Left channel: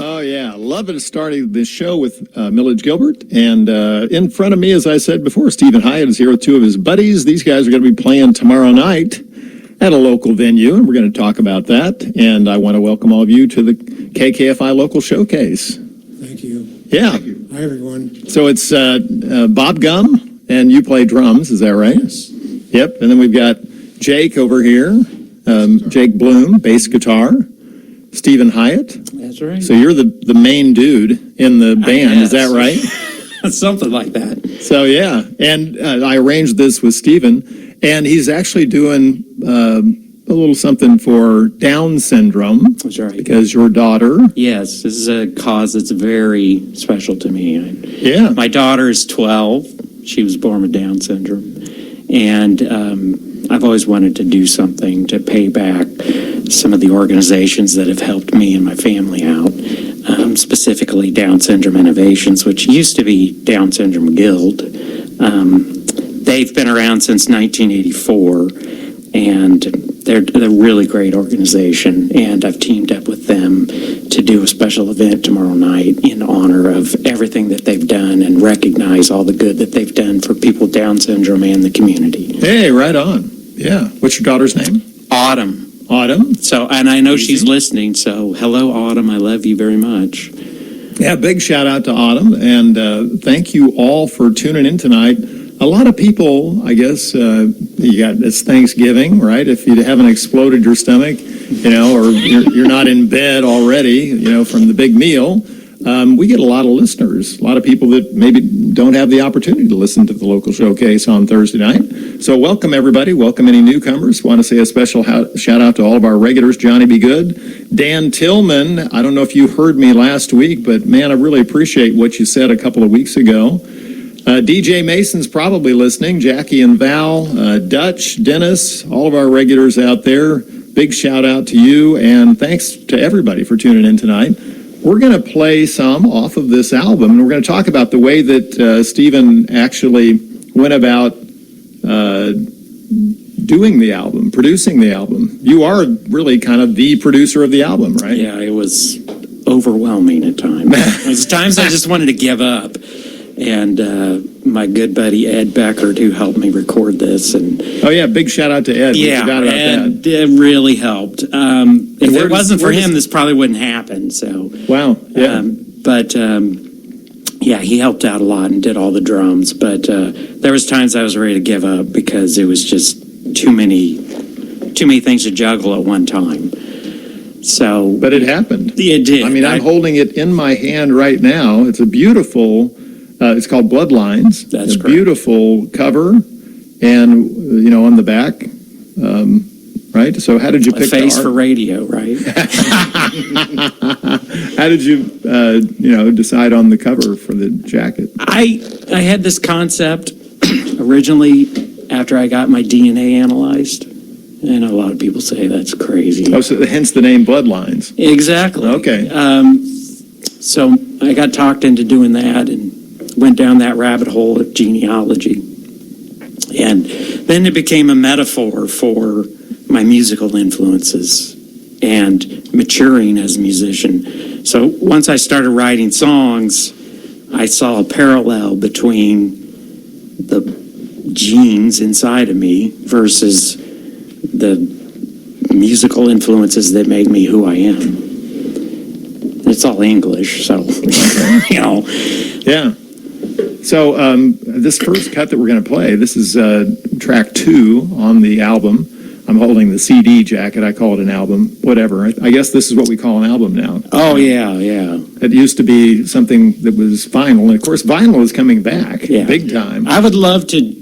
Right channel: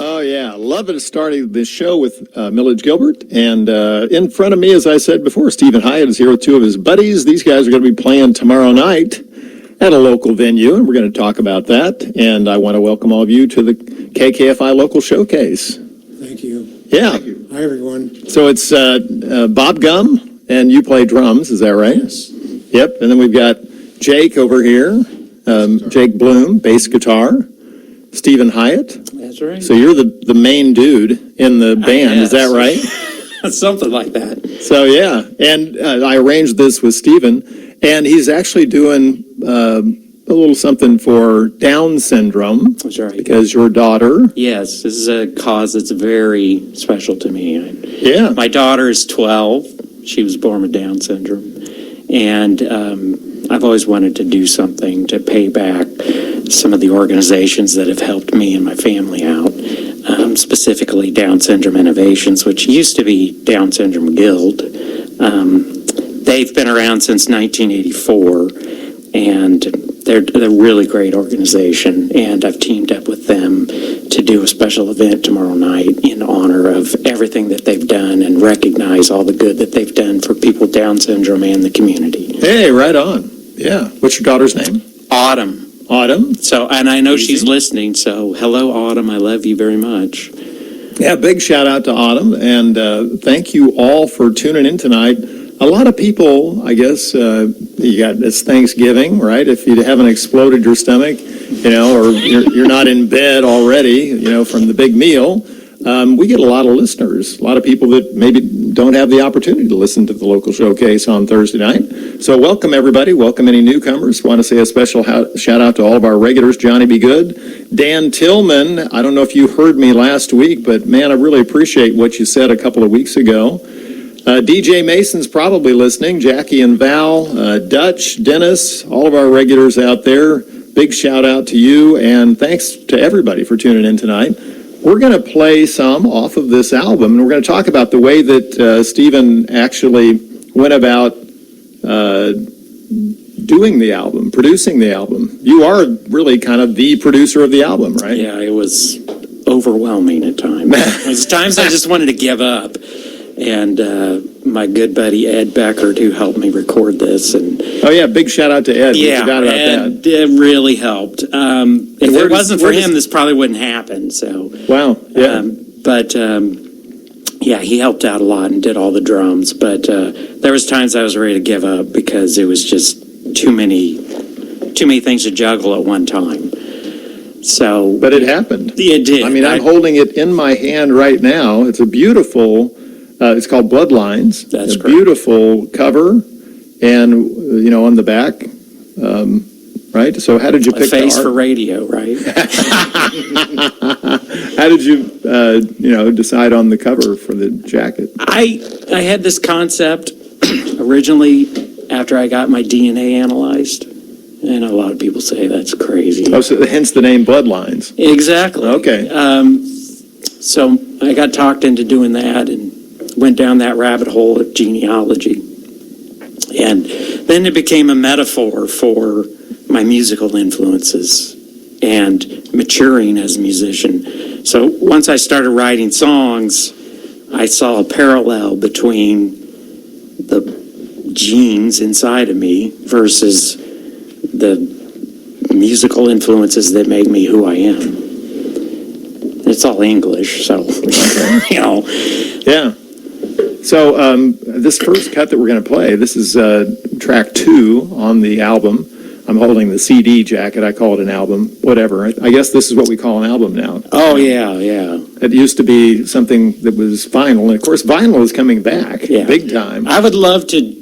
Oh, yeah. Loving starting the show with Millage Gilbert. And in front of me, as I said before, Steven Hiatt is here with two of his buddies. These guys are going to be playing tomorrow night at a local venue, and we're going to talk about that. And I want to welcome all of you to the KKFI Local Showcase. Thank you. Yeah. Thank you. Hi, everyone. So it's Bob Gum, and you play drums, is that right? Yes. Yep. And then we've got Jake over here, Jake Bloom, bass guitar. Steven Hiatt. That's right. So you're the main dude in the band, is that right? Something like that. So yeah, and I arranged this with Steven, and he's actually doing a little something for Down syndrome. That's right. Because your daughter. Yes, this is a cause that's very special to me. Yeah. My daughter is 12. She was born with Down syndrome, and I've always wanted to do something to pay back some of the organizations that have helped me and my family out, specifically Down Syndrome Innovations, which used to be Down Syndrome Guild. They've been around since 1984, and they're a really great organization, and I've teamed up with them to do a special event tomorrow night in honor of everything that they've done and recognize all the good that they've done for people with Down syndrome and the community. Hey, right on. Yeah. What's your daughter's name? Autumn. Autumn. So, and I know she's listening, so hello, Autumn. I love you very much. Yeah, big shout out to Autumn, and thank you all for tuning in tonight. A lot of people, I guess, it's Thanksgiving, right? If you haven't exploded your stomach, or you're not in bed already, from the big meal, we get a lot of listeners, a lot of people that maybe don't have the opportunity to listen to the local showcase on Thursday night. So welcome, everybody. Welcome any newcomers. Want to say a special shout out to all of our regulars, Johnny Be Good. Dan Tillman, I don't know if you heard me last week, but man, I really appreciate what you said a couple of weeks ago. DJ Mason's probably listening. Jackie and Val, Dutch, Dennis, all of our regulars out there. Big shout out to you, and thanks to everybody for tuning in tonight. We're going to play some off of this album, and we're going to talk about the way that Steven actually went about doing the album, producing the album. You are really kind of the producer of the album, right? Yeah, it was overwhelming at times. There was times I just wanted to give up. And my good buddy Ed Beckert, who helped me record this, and oh yeah, big shout out to Ed. We forgot about that. It really helped. If it wasn't for him, this probably wouldn't happen. So wow, yeah. Yeah, he helped out a lot and did all the drums. But there was times I was ready to give up because it was just too many things to juggle at one time. So, but it happened. It did. I mean, I'm holding it in my hand right now. It's a beautiful. It's called Bloodlines. That's a correct. Beautiful cover, and on the back, right? So how did you pick a face the art? for radio, right? How did you decide on the cover for the jacket? I had this concept originally after I got my DNA analyzed, and a lot of people say that's crazy. Oh, so hence the name Bloodlines. Exactly. Okay. So I got talked into doing that and went down that rabbit hole of genealogy. And then it became a metaphor for my musical influences and maturing as a musician. So once I started writing songs, I saw a parallel between the genes inside of me versus the musical influences that make me who I am. It's all English, so, Yeah. So this first cut that we're going to play, this is track 2 on the album. I'm holding the CD jacket. I call it an album, whatever. I guess this is what we call an album now. Oh, yeah. It used to be something that was vinyl, and of course vinyl is coming back big time. I would love to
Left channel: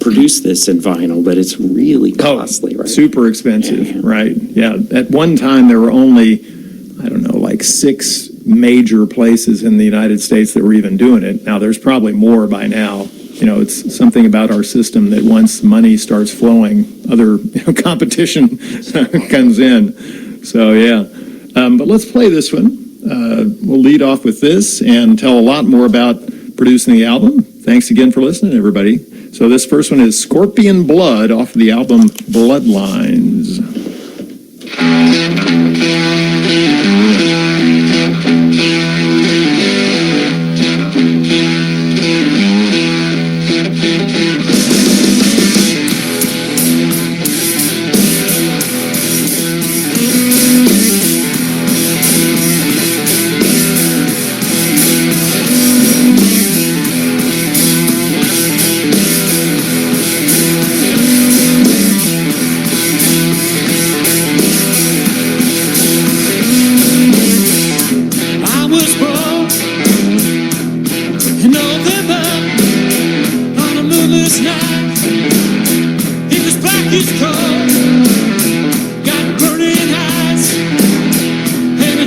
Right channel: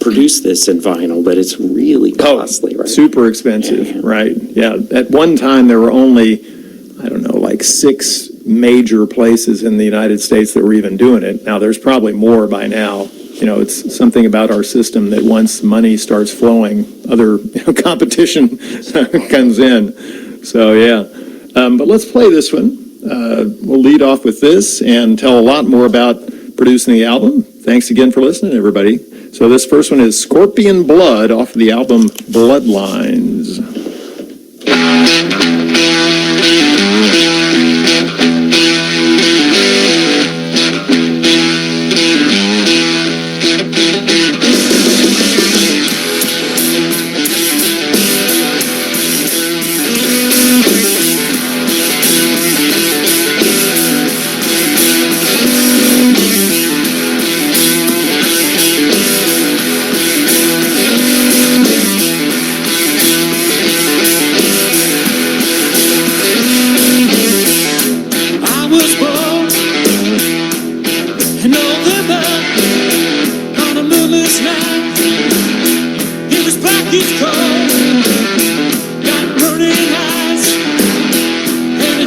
produce this in vinyl, but it's really costly, right? Super expensive, right? Yeah. At one time there were only, I don't know, like 6 major places in the United States that were even doing it. Now there's probably more by now. It's something about our system that once money starts flowing, other competition comes in. So yeah, but let's play this one. We'll lead off with this and tell a lot more about producing the album. Thanks again for listening, everybody. So this first one is Scorpion Blood off of the album Bloodlines.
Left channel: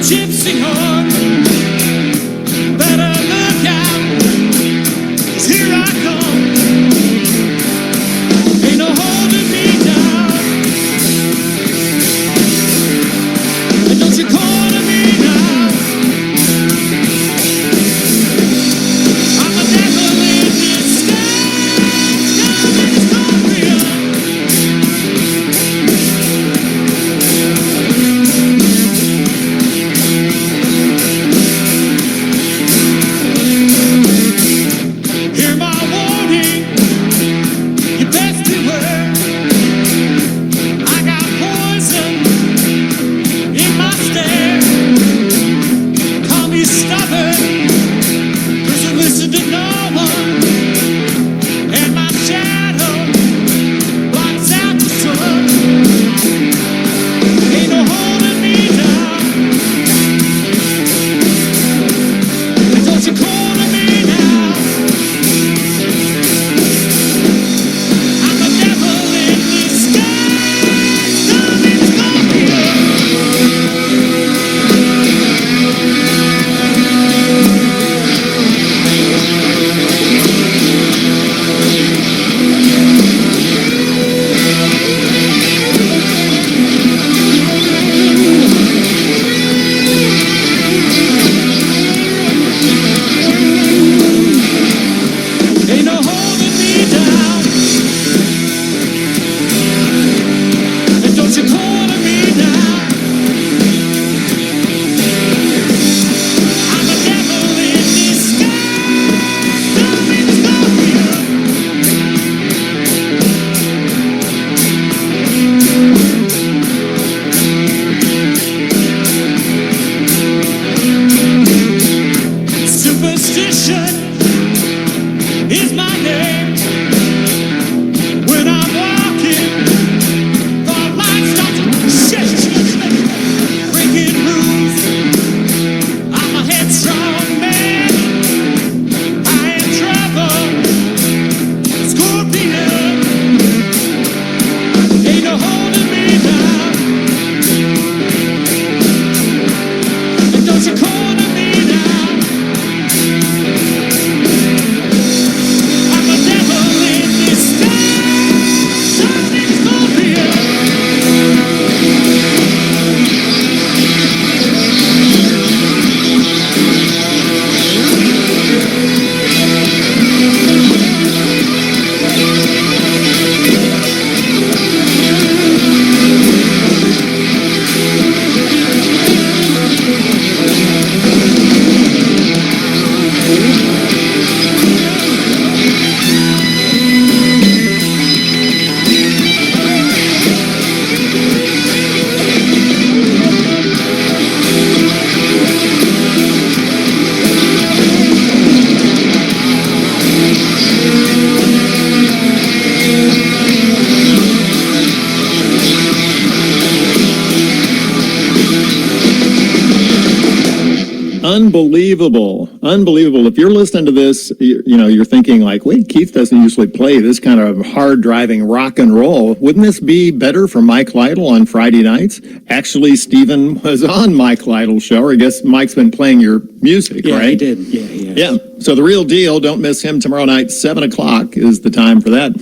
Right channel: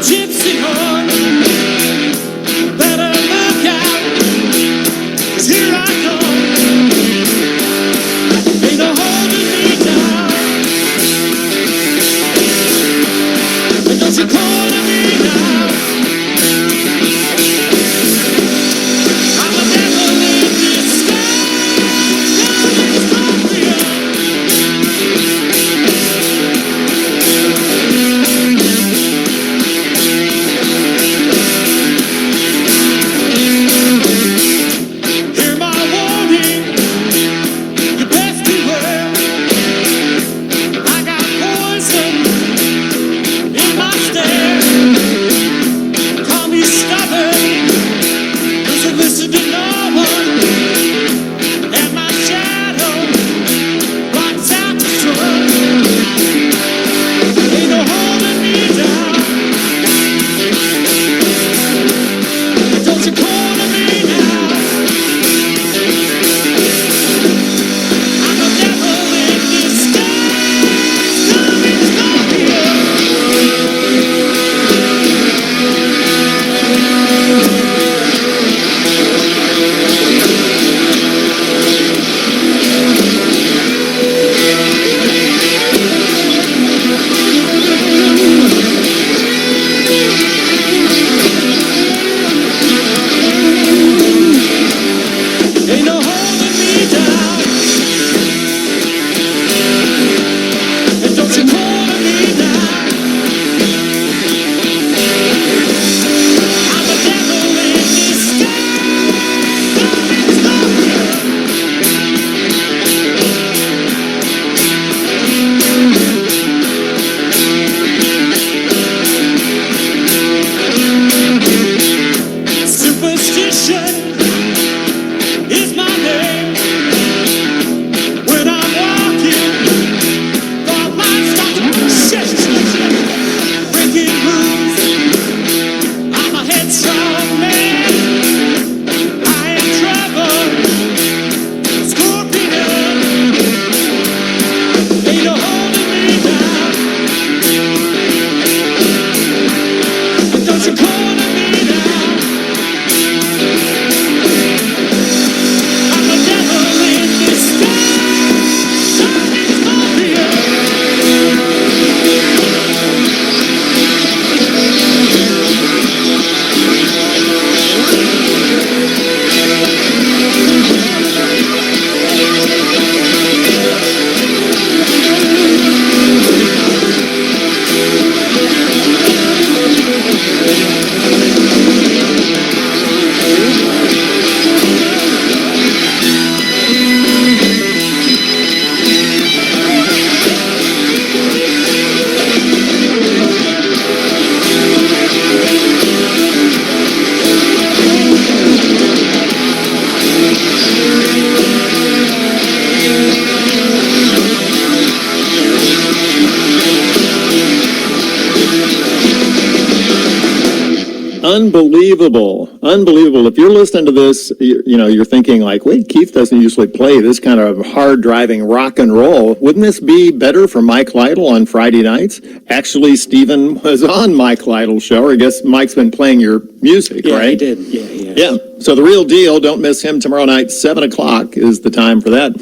gypsy horn. Better look out, 'cause here I come. Ain't no holding me down. And don't you corner me now. I'm a devil in disguise, coming scorpion. Hear my warning, you best beware. I got poison in my stare. Call me stubborn, 'cause I listen to no one. And my shadow blocks out the sun. Ain't no holding me down. And don't you corner me now. I'm a devil in disguise, coming scorpion. Ain't no holding me down. And don't you corner me now. I'm a devil in disguise, coming scorpion. Superstition is my name. When I'm walking, the lights start to shift, breaking rules. I'm a headstrong man. I am trouble, scorpion. Ain't no holding me down. And don't you corner me now. I'm a devil in disguise, coming scorpion. Unbelievable. Unbelievable. If you're listening to this, you're thinking like, wait, Keith doesn't usually play this kind of hard driving rock and roll. Wouldn't this be better for Mike Lytle on Friday nights? Actually, Steven was on Mike Lytle's show, or I guess Mike's been playing your music, Yeah, right? he did. Yeah. Yeah. So the real deal, don't miss him tomorrow night, 7 o'clock is the time for that.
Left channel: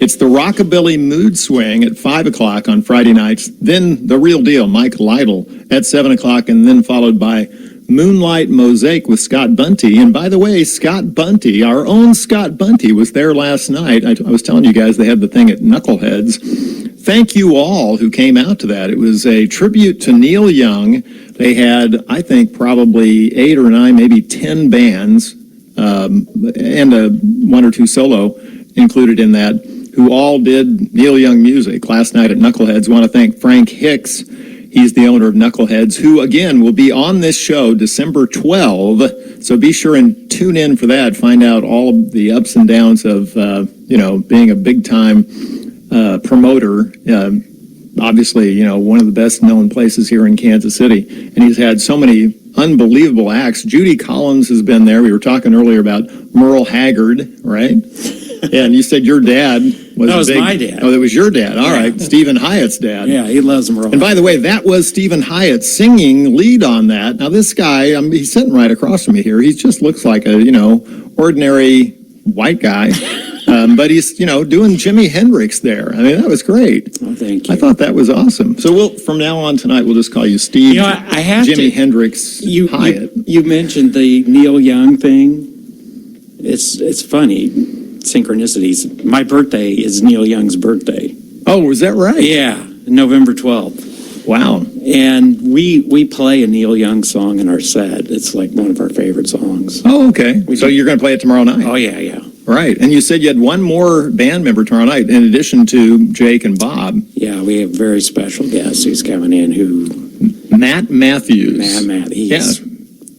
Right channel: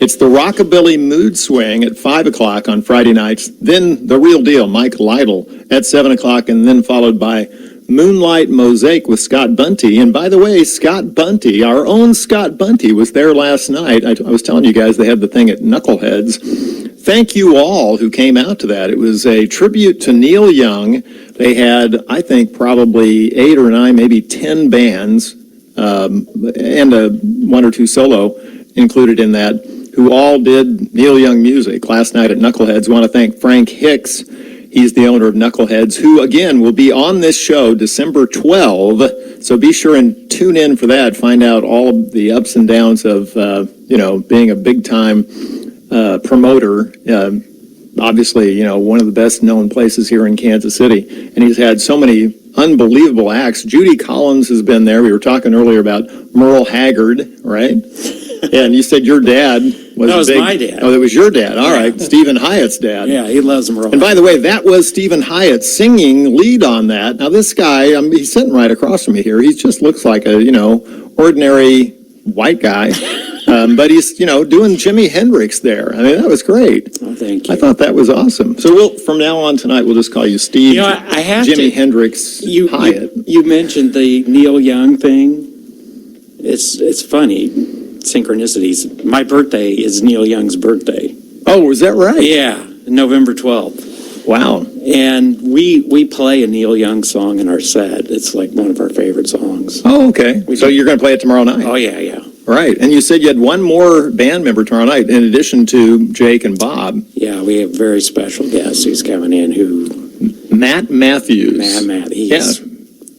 It's the Rockabilly Mood Swing at 5 o'clock on Friday nights. Then the real deal, Mike Lytle at 7 o'clock, and then followed by Moonlight Mosaic with Scott Bunty. And by the way, Scott Bunty, our own Scott Bunty, was there last night. I was telling you guys they had the thing at Knuckleheads. Thank you all who came out to that. It was a tribute to Neil Young. They had, I think, probably 8 or 9, maybe 10 bands, and one or two solo included in that, who all did Neil Young music last night at Knuckleheads. Want to thank Frank Hicks. He's the owner of Knuckleheads, who, again, will be on this show December 12. So be sure and tune in for that. Find out all of the ups and downs of, being a big-time promoter. Obviously, one of the best-known places here in Kansas City. And he's had so many unbelievable acts. Judy Collins has been there. We were talking earlier about Merle Haggard, right? And you said your dad That a was big- my dad. Oh, that was your dad. All right, Steven Hyatt's dad. Yeah, he loves them And by the way, that was Steven Hiatt singing lead on that. Now, this guy, he's sitting right across from me here. He just looks like a, ordinary white guy. But he's, doing Jimi Hendrix there. I mean, that was great. Oh, thank you. I thought that was awesome. So from now on tonight, we'll just call you Steve. I have Jimi to. Hendrix Hyatt. You mentioned the Neil Young thing. It's funny, synchronicities. My birthday is Neil Young's birthday. Oh, was that right? Yeah, November 12th. Wow. And we play a Neil Young song in our set. It's like one of our favorite songs. Oh, okay. So you're going to play it tomorrow night? Oh, yeah. Right. And you said you had one more band member tomorrow night in addition to Jake and Bob. Yeah, we have a very special guest who's coming in who... Matt Matthews. Matt, he's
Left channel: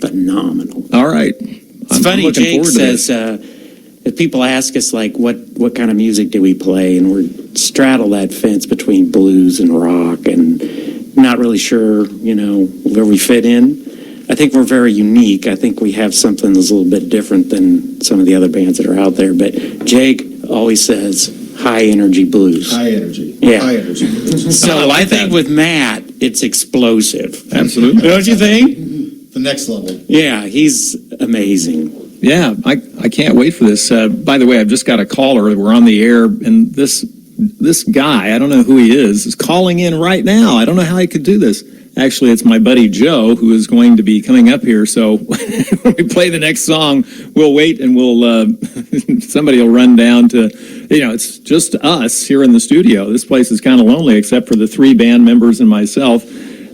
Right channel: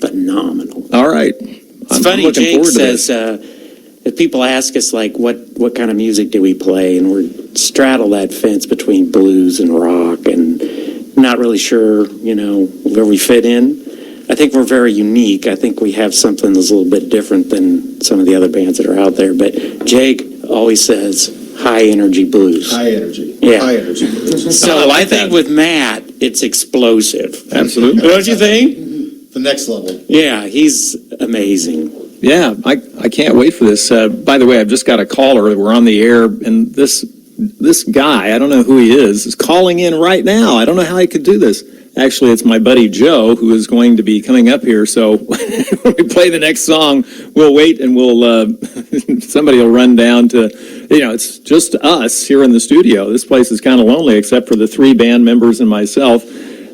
phenomenal. All right. It's funny, Jake says, if people ask us, like, what kind of music do we play, and we're straddle that fence between blues and rock, and not really sure, where we fit in. I think we're very unique. I think we have something that's a little bit different than some of the other bands that are out there. But Jake always says high energy blues. High energy. Yeah. High energy. So I think with Matt, it's explosive. Absolutely. Don't you think? The next level. Yeah, he's amazing. Yeah, I can't wait for this. By the way, I've just got a caller. We're on the air, and this guy, I don't know who he is calling in right now. I don't know how he could do this. Actually, it's my buddy Joe, who is going to be coming up here. So when we play the next song, we'll wait and somebody will run down to, it's just us here in the studio. This place is kind of lonely except for the 3 band members and myself.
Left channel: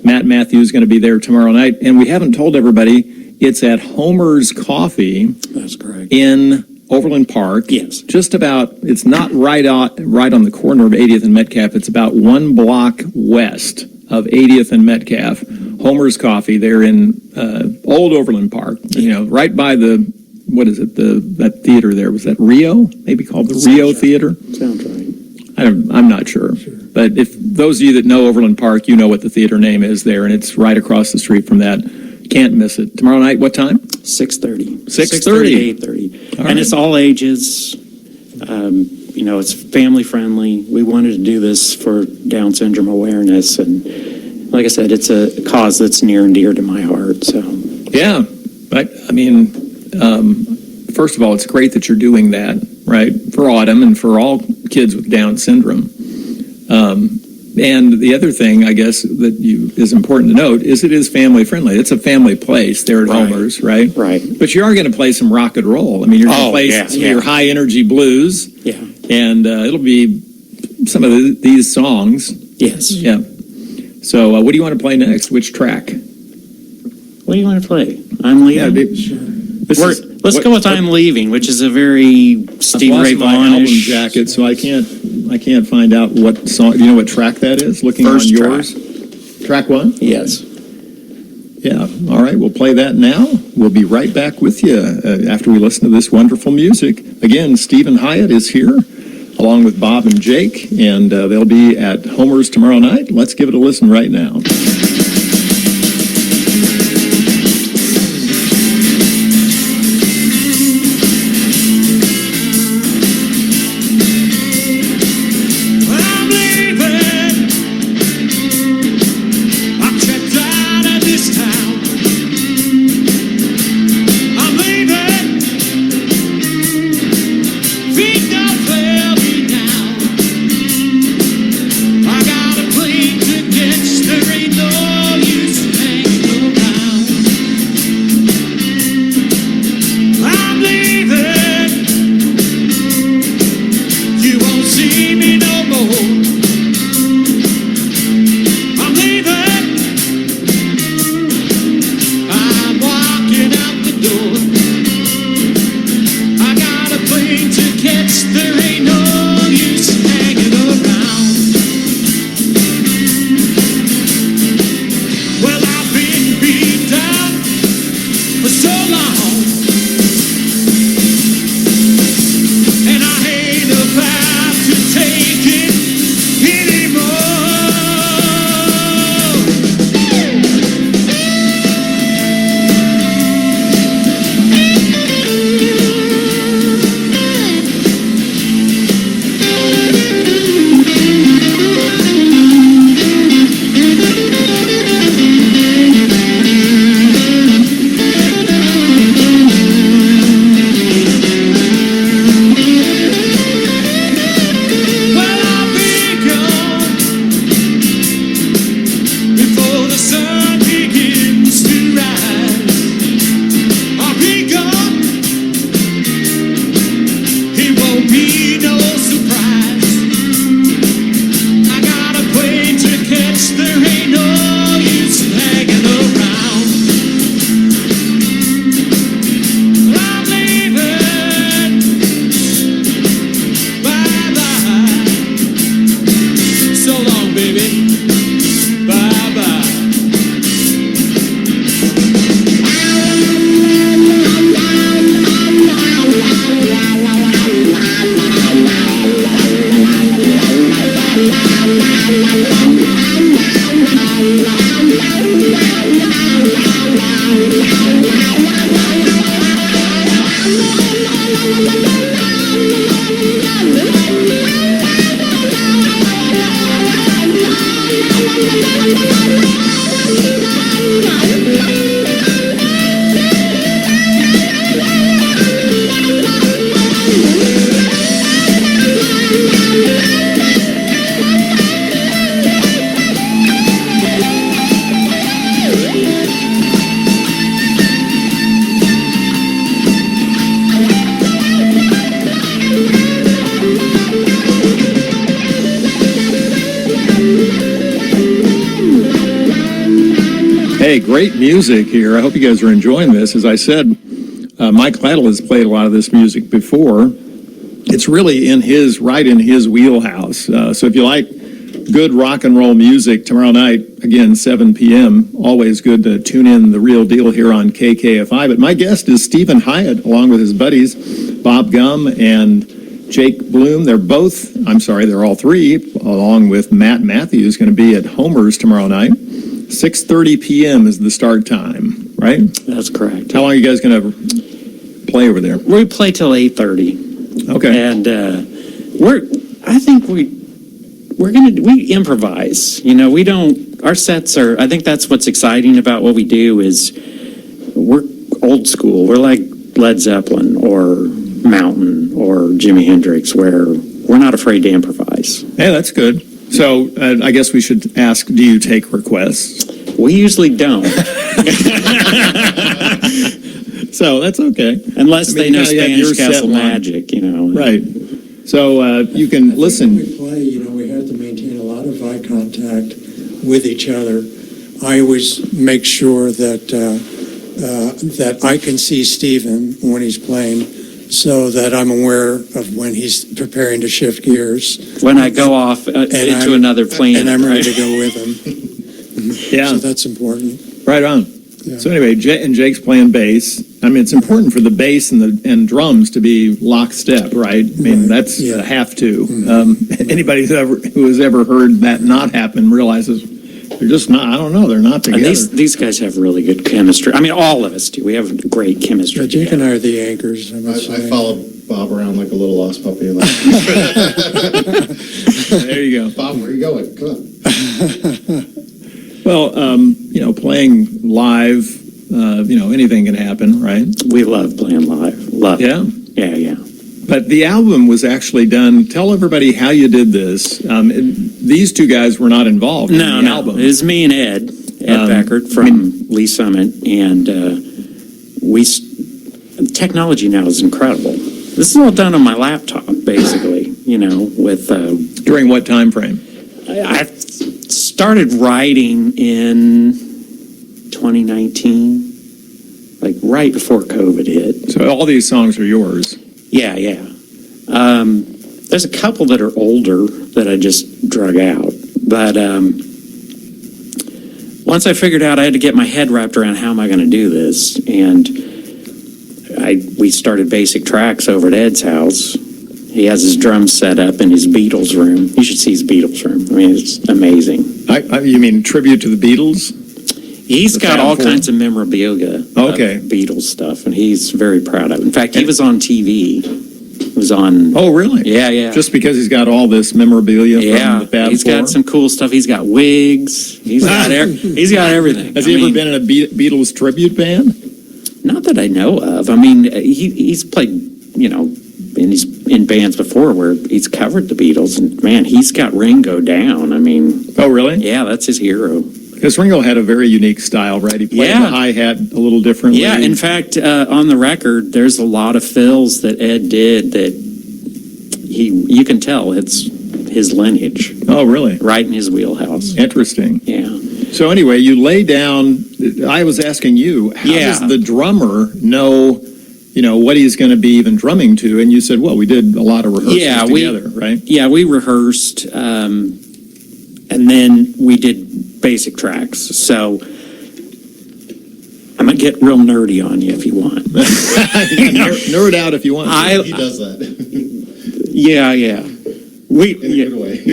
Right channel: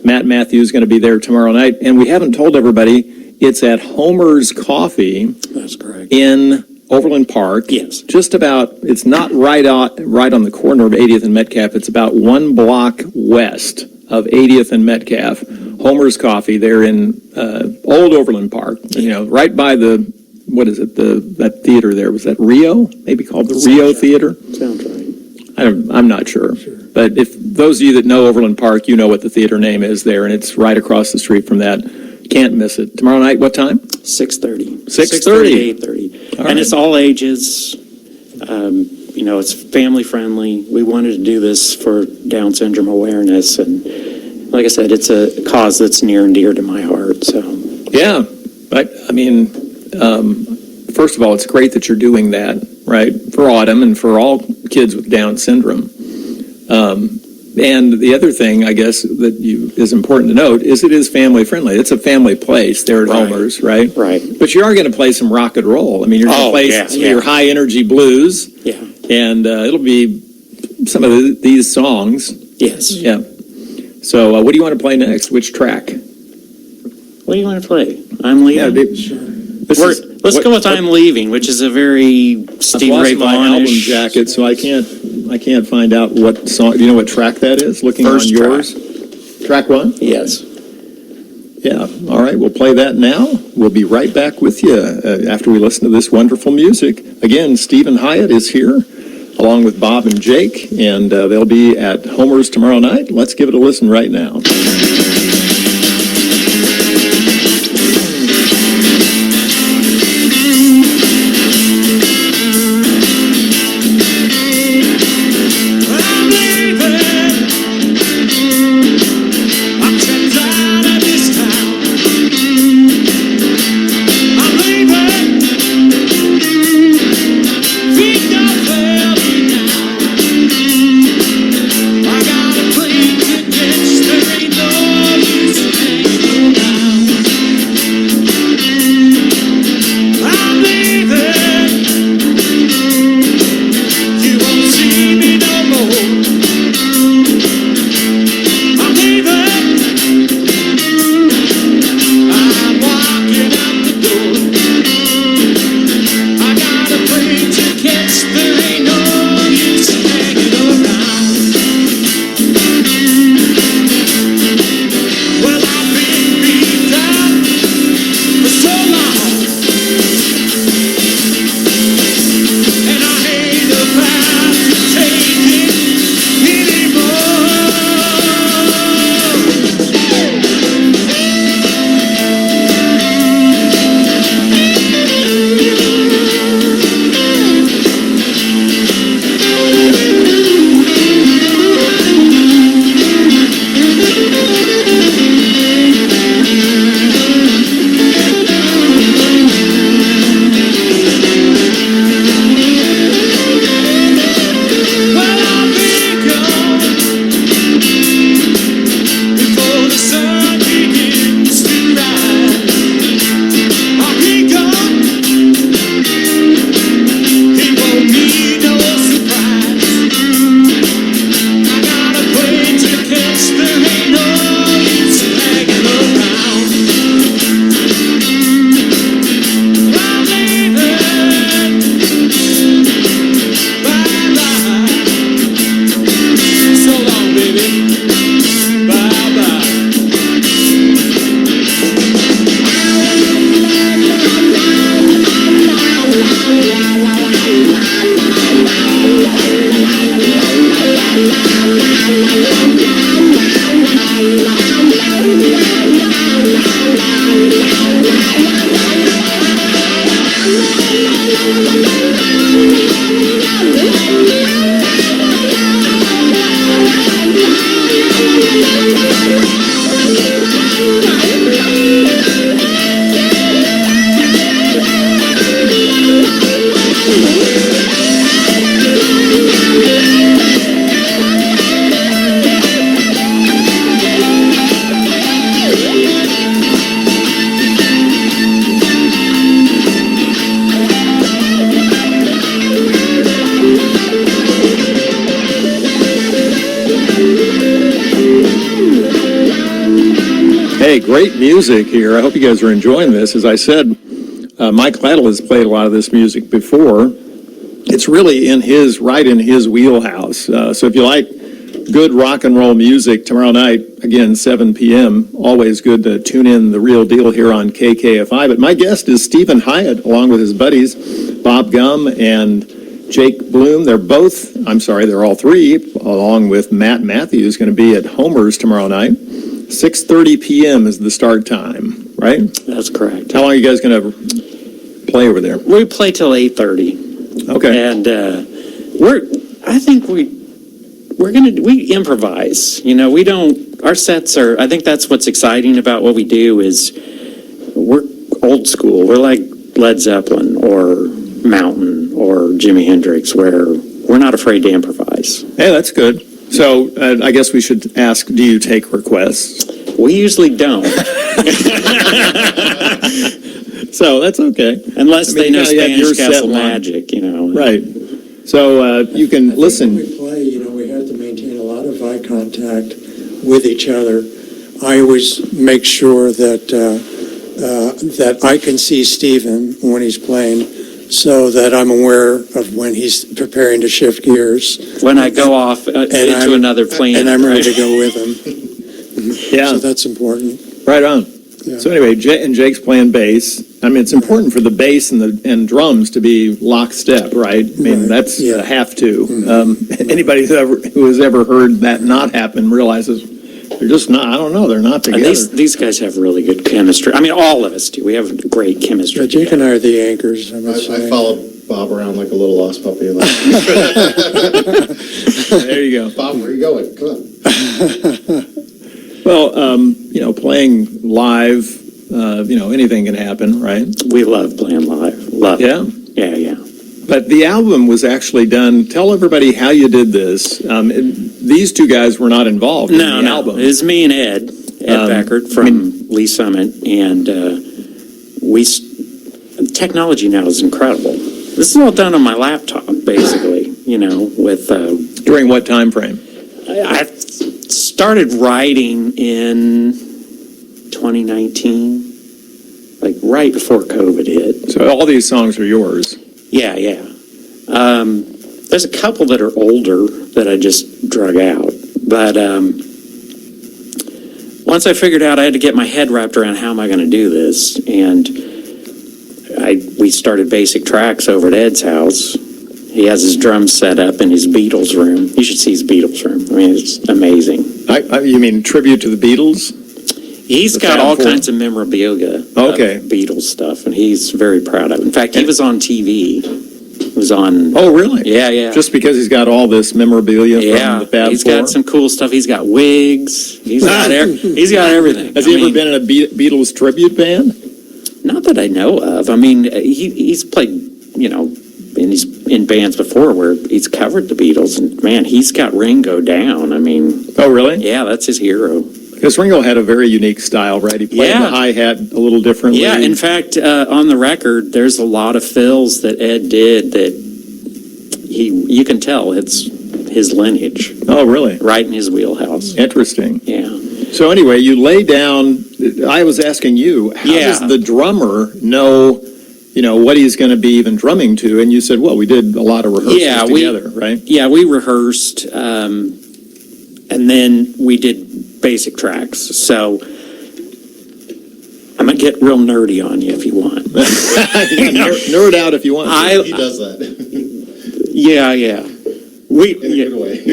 Matt Matthews is going to be there tomorrow night. And we haven't told everybody, it's at Homer's Coffee. That's correct. In Overland Park. Yes. Just about, it's not right on the corner of 80th and Metcalf. It's about 1 block west of 80th and Metcalf. Homer's Coffee. They're in Old Overland Park, right by that theater there. Was that Rio? Maybe called the Rio Theater? Sounds right. I'm not sure. But if those of you that know Overland Park, you know what the theater name is there, and it's right across the street from that. Can't miss it. Tomorrow night, what time? 6:30. 6:30. 8:30. All And right. it's all ages. It's family friendly. We wanted to do this for Down syndrome awareness, and like I said, it's a cause that's near and dear to my heart. So Yeah, but first of all, it's great that you're doing that, right, for Autumn and for all kids with Down syndrome. And the other thing, I guess, that is important to note is it is family friendly. It's a family place there at Right. Homer's, right? Right. But you are going to play some rock and roll. I mean, you're going to play some of your high energy blues, yeah, and it'll be some of these songs. yes. Yeah. So, what do you want to play next? Which track? What do you want to play? I'm leaving. Let's go with "I'm Leaving," which is a very Stevie Ray my album Vaughan-ish. jacket, so I can't find out what song. Do you know what track that is? Looking First on yours. Track 1? Yes. Yeah. All right. We'll play that now. We'll be right back with you after we listen to this wonderful music. Again, Steven Hiatt is here, along with Bob and Jake, and they'll be at Homer's tomorrow night. Let's give it a listen right now. I'm leaving. I'm checked out of this town. I'm leaving. Feet don't fail me now. I got a plane ticket, there ain't no Hey, great music here. I hope you guys are enjoying this. As I said, Mike Lytle has played a lot of this music before. It's really right in his wheelhouse. So if you like good rock and roll music tomorrow night, again, 7 p.m., always good to tune in The Real Deal here on KKFI. But my guest is Steven Hiatt, along with his buddies, Bob Gum and Jake Bloom. They're all three, along with Matt Matthews, going to be at Homer's tomorrow night. 6:30 p.m. is the start time, right? That's correct. How long are you guys going to play over there? We play till 8:30. Okay. And we improvise. You know, our sets I think that's what's exciting about what we do is we're old school. We're like Led Zeppelin or Mountain or Jimi Hendrix, where we're not afraid to improvise. Hey, that's good. So I guess we should ask, do you take requests? We usually don't. So that's okay. Unless they know you have your Spanish Castle set line. Magic, you know. Right. So you can listen. When we play, we have to maintain a lot of eye contact with each other. I always make sure that I can see Steven when he's playing, so that I'm aware of when he's preparing to shift gears. When I go off into another planet. And I'm ready to go with him. Yeah. So that's important. Right on. Yeah. So anyway, Jake's playing bass. I mean, it's important for the bass and drums to be lockstep, right? I mean, Right. that's Yeah. have to. Anybody who has ever heard that not happen realizes they're just not. I don't know. They're not And together. these guys have really good chemistry. I mean, all of us do. We have great chemistry. Yeah, Jake and together. I are the anchors, I must I say. followed Bob around like a little lost puppy. Like, There you go. Bob, where are you going? Come on. Well, playing live, anything can happen, right? We love playing live. Love Yeah. it. Yeah. But the album was actually done. Tell everybody how you did this. These two guys were not involved in the album. It was me and Ed Beckert from Lee Summit, and technology now is incredible. This is all done on my laptop, basically, with... During what time frame? I started writing in 2019, like right before COVID hit. So all these songs are yours. Yeah. There's a couple that are older that I just drug out. But once I figured out I had to get my head wrapped around how am I going to do this, and we started basic tracks over at Ed's house. He has his drums set up in his Beatles room. You should see his Beatles room. I mean, it's amazing. You mean tribute to the Beatles? He's The got Fab all Four? kinds of memorabilia Okay. of Beatles stuff, and he's very proud of it. In fact, he was on TV. He was on... Oh, really? Yeah. Just because he's got all this memorabilia from the Fab he's Four? got some cool stuff. He's got wigs. He's got everything. Has he ever been in a Beatles tribute band? Not that I know of. I mean, he's played, and he's in bands before where he's covered the Beatles, and man, he's got Ringo down. I mean, Oh, really? yeah, that's his hero. Because Ringo had a very unique style, right? He played the hi-hat a little differently. Yeah, in fact, on the record, there's a lot of fills that Ed did that you can tell it's his lineage, Oh, really? right in his wheelhouse. Interesting. Yeah. So anyway, you lay down, I was asking you, how does the drummer know, what he's going to be even drumming to? And you said, well, we did a lot of rehearsals together, right? Yeah, we rehearsed, and then we did basic tracks. So I'm going to get real nerdy on you if you want. Nerd out if you want. He does that Yeah. in a good way.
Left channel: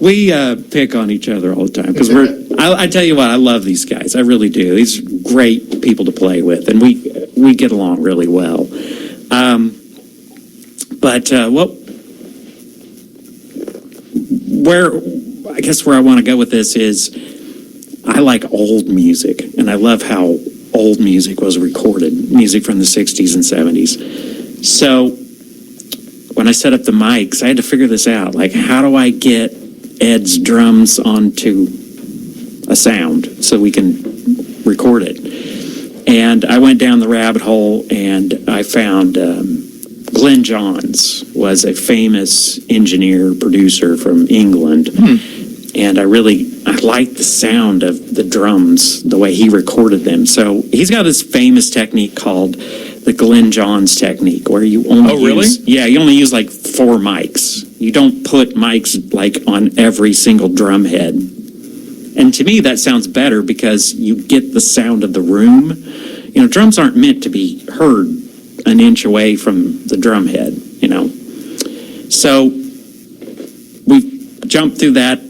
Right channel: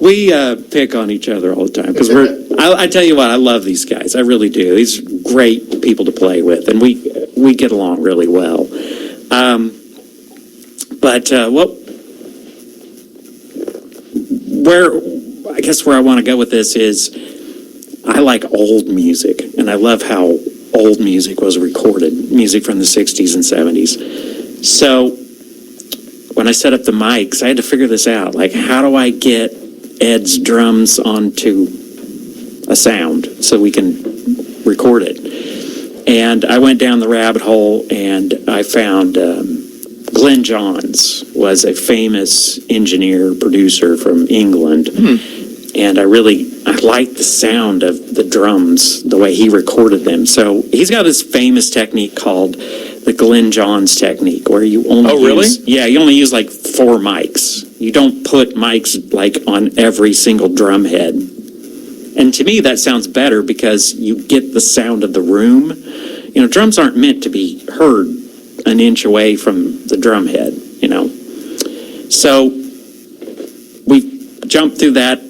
We pick on each other all the time because I tell you what, I love these guys. I really do. These are great people to play with, and we get along really well. Where I want to go with this is I like old music, and I love how old music was recorded, music from the 60s and 70s. So when I set up the mics, I had to figure this out. Like, how do I get Ed's drums onto a sound so we can record it? And I went down the rabbit hole, and I found Glenn Johns was a famous engineer, producer from England. And I like the sound of the drums, the way he recorded them. So he's got this famous technique called the Glenn Johns technique, where you only you only use like 4 mics. You don't put mics like on every single drum head. And to me, that sounds better because you get the sound of the room. You know, drums aren't meant to be heard an inch away from the drum head, you know. So we jumped through that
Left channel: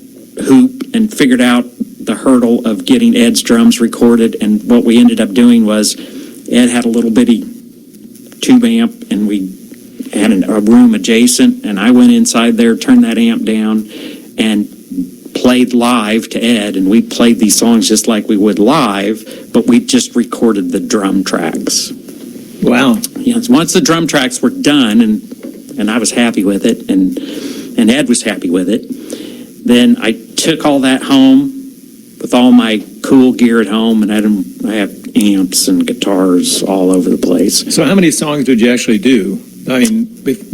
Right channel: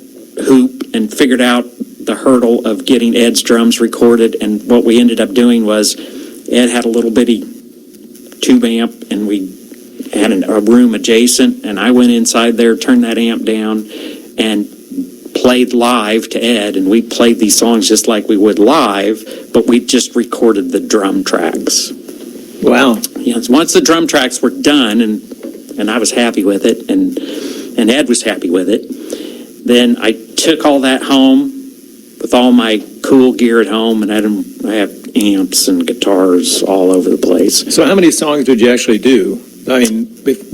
hoop and figured out the hurdle of getting Ed's drums recorded. And what we ended up doing was Ed had a little bitty tube amp, and we had a room adjacent, and I went inside there, turned that amp down, and played live to Ed, and we played these songs just like we would live, but we just recorded the drum tracks. Wow. Yeah, once the drum tracks were done, and I was happy with it, and Ed was happy with it, then I took all that home with all my cool gear at home, and I have amps and guitars all over the place. So how many songs did you actually do? I mean,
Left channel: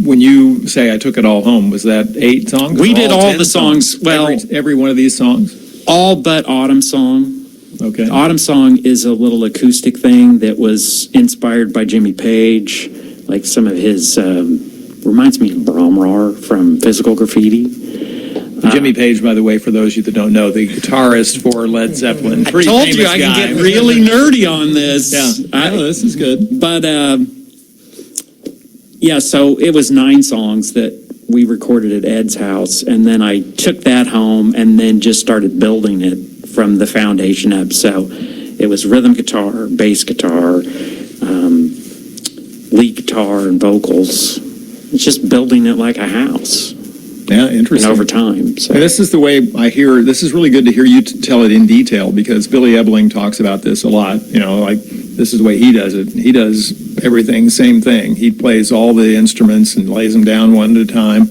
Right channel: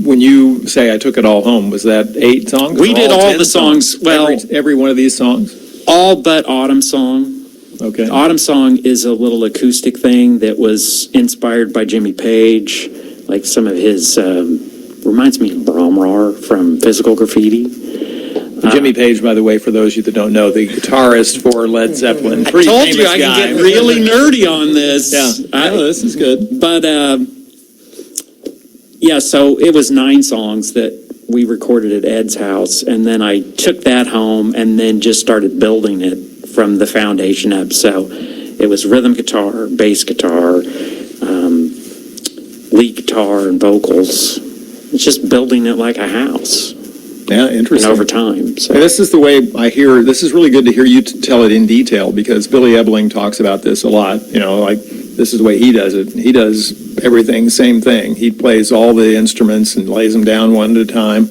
when you say I took it all home, was that 8 songs? We did all 10 the songs. Well, every one of these songs? All but Autumn Song. Okay. Autumn Song is a little acoustic thing that was inspired by Jimmy Page, like some of his, reminds me of Bromrar from Physical Graffiti. Jimmy Page, by the way, for those of you that don't know, the guitarist for Led Zeppelin. I Pretty told you famous I guy. can get really nerdy on this. Yeah, this is good. But, yeah, so it was 9 songs that we recorded at Ed's house, and then I took that home and then just started building it from the foundation up. So it was rhythm guitar, bass guitar, lead guitar, and vocals. It's just building it like a house. Yeah, interesting. And over time. So. And this is the way I hear, this is really good to hear you tell it in detail, because Billy Ebling talks about this a lot. You know, like, this is the way he does it. He does everything, same thing. He plays all the instruments and lays them down one at a time.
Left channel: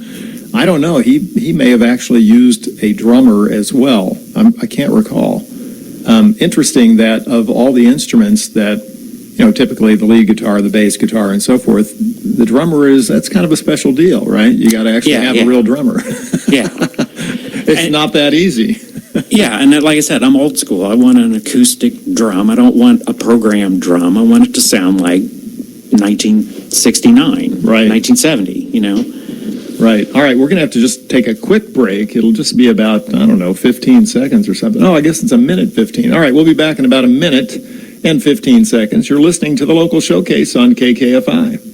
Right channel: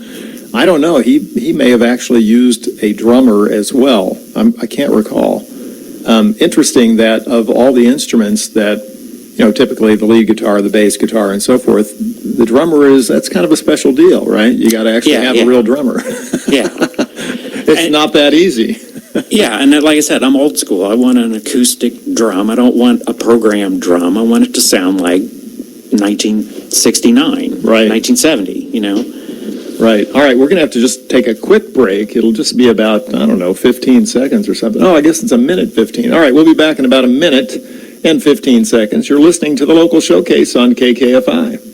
I don't know. He may have actually used a drummer as well. I can't recall. Interesting that of all the instruments that, you know, typically the lead guitar, the bass guitar, and so forth, the drummer that's kind of a special deal, right? You got to actually have a real drummer. Yeah. It's not that easy. Yeah, and like I said, I'm old school. I want an acoustic drum. I don't want a programmed drum. I want it to sound like 1969, Right. 1970, you know? Right. All right, we're going to have to just take a quick break. It'll just be about, I don't know, 15 seconds or something. Oh, I guess it's a minute 15. All right, we'll be back in about a minute and 15 seconds. You're listening to the Local Showcase on KKFI.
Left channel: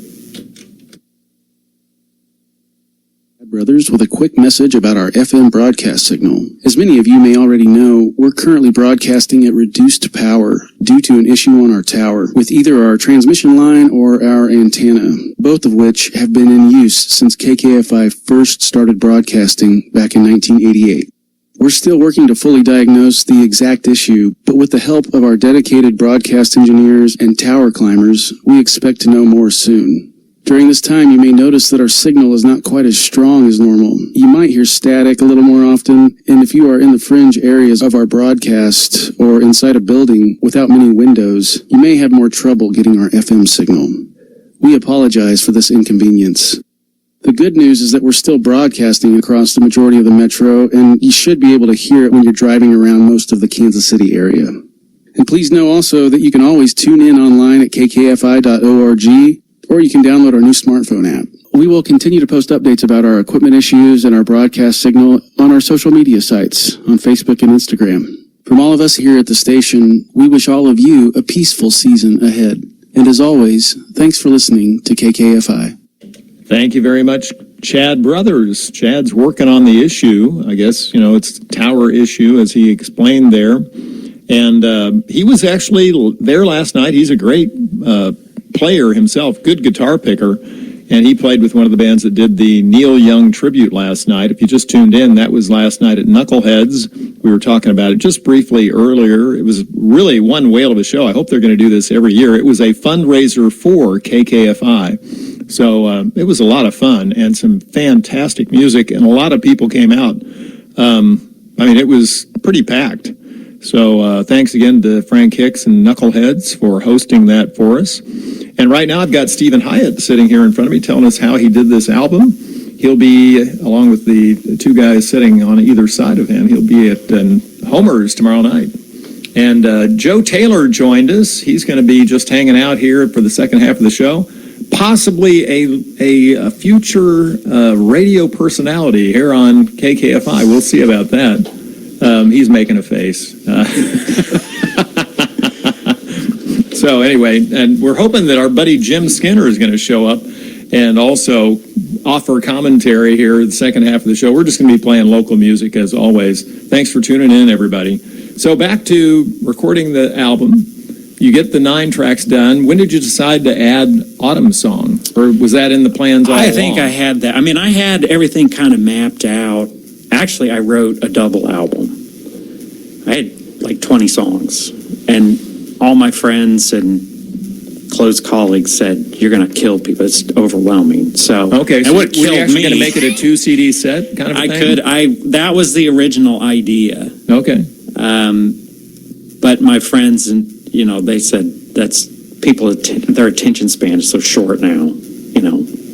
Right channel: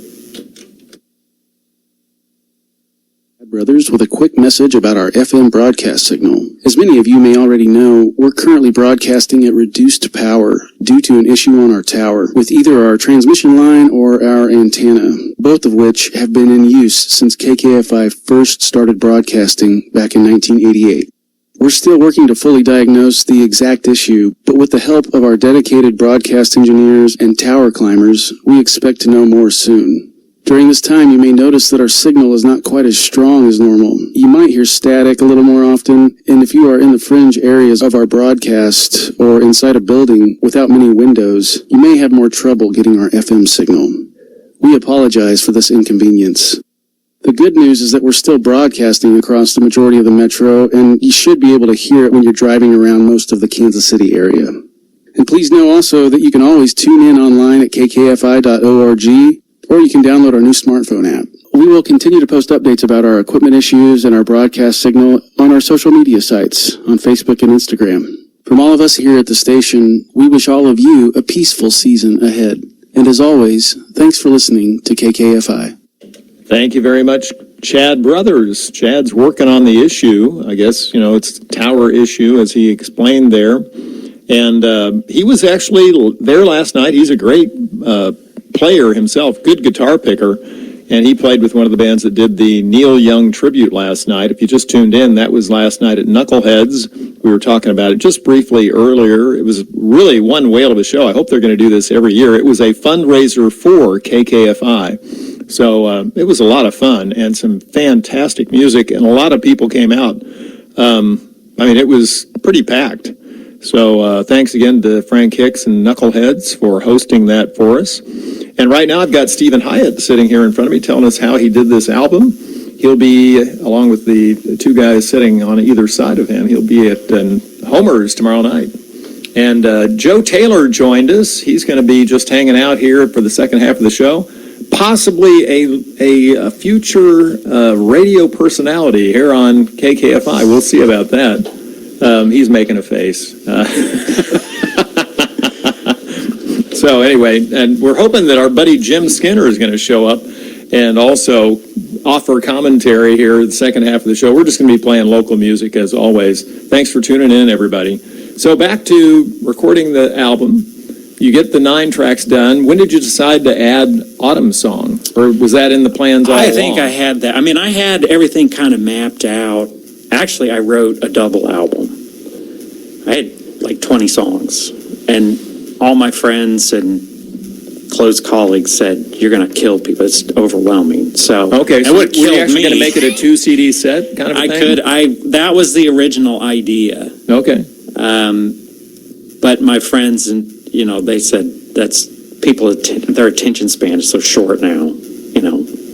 Brothers with a quick message about our FM broadcast signal. As many of you may already know, we're currently broadcasting at reduced power due to an issue on our tower with either our transmission line or our antenna, both of which have been in use since KKFI first started broadcasting back in 1988. We're still working to fully diagnose the exact issue, but with the help of our dedicated broadcast engineers and tower climbers, we expect to know more soon. During this time, you may notice that our signal is not quite as strong as normal. You might hear static a little more often, and if you are in the fringe areas of our broadcast or inside a building without many windows, you may have more trouble getting our FM signal. We apologize for this inconvenience. The good news is that we're still broadcasting across the majority of the metro, and you should be able to hear it when you're driving around most of the Kansas City area. And please know also that you can always tune in online at kkfi.org, or you can download our new smartphone app. We will continue to post updates about our equipment issues and our broadcast signal on our social media sites, on Facebook and Instagram. From all of us here at the station, we wish all of you a peaceful season ahead. And as always, thanks for listening to KKFI. Thank you very much, Chad Brothers. Chad's working on the issue. I guess, you know, it's a tower issue, as he explained there. And he was actually there last night. He's a great player himself, good guitar picker, and he played with one of the bands that did the Neil Young tribute last night. If you just tuned in, that was last night at Knuckleheads. We were talking about it just briefly earlier. It was really one whale of a show. I hope they're going to do this every year. It was a fundraiser for KKFI, so it was a lot of fun and some fantastic music, and a lot of people came out. I mean, it was pretty packed. So thanks again to Frank Hicks and Knuckleheads for hosting that for us. And right now I've got Steven Hiatt sitting here in front of me telling us how he did this album. He'll be, along with the two guys sitting on either side of him, he'll be at Homer's tomorrow night. And Joe Taylor joined us. He's going to be just hanging out here for the second half of the show. Possibly a future radio personality here on KKFI. We'll see about that. He's making a face. So anyway, and we're hoping that our buddy Jim Skinner is going to show up and also offer commentary here the second half of the show. We're just going to be playing local music as always. Thanks for tuning in, everybody. So back to recording the album. You get the 9 tracks done. When did you decide to add Autumn Song? Or was that in the plans all along? I think I had that. I mean, I had everything kind of mapped out. Actually, I wrote a double album. I had like 20 songs. And all my friends and close colleagues said, you're going to kill people. It's overwhelming. So, okay, so and were what you killed actually me, going to make it a 2 CD set kind of a thing? that was the original idea. Okay. But my friends, and they said their attention span is so short now.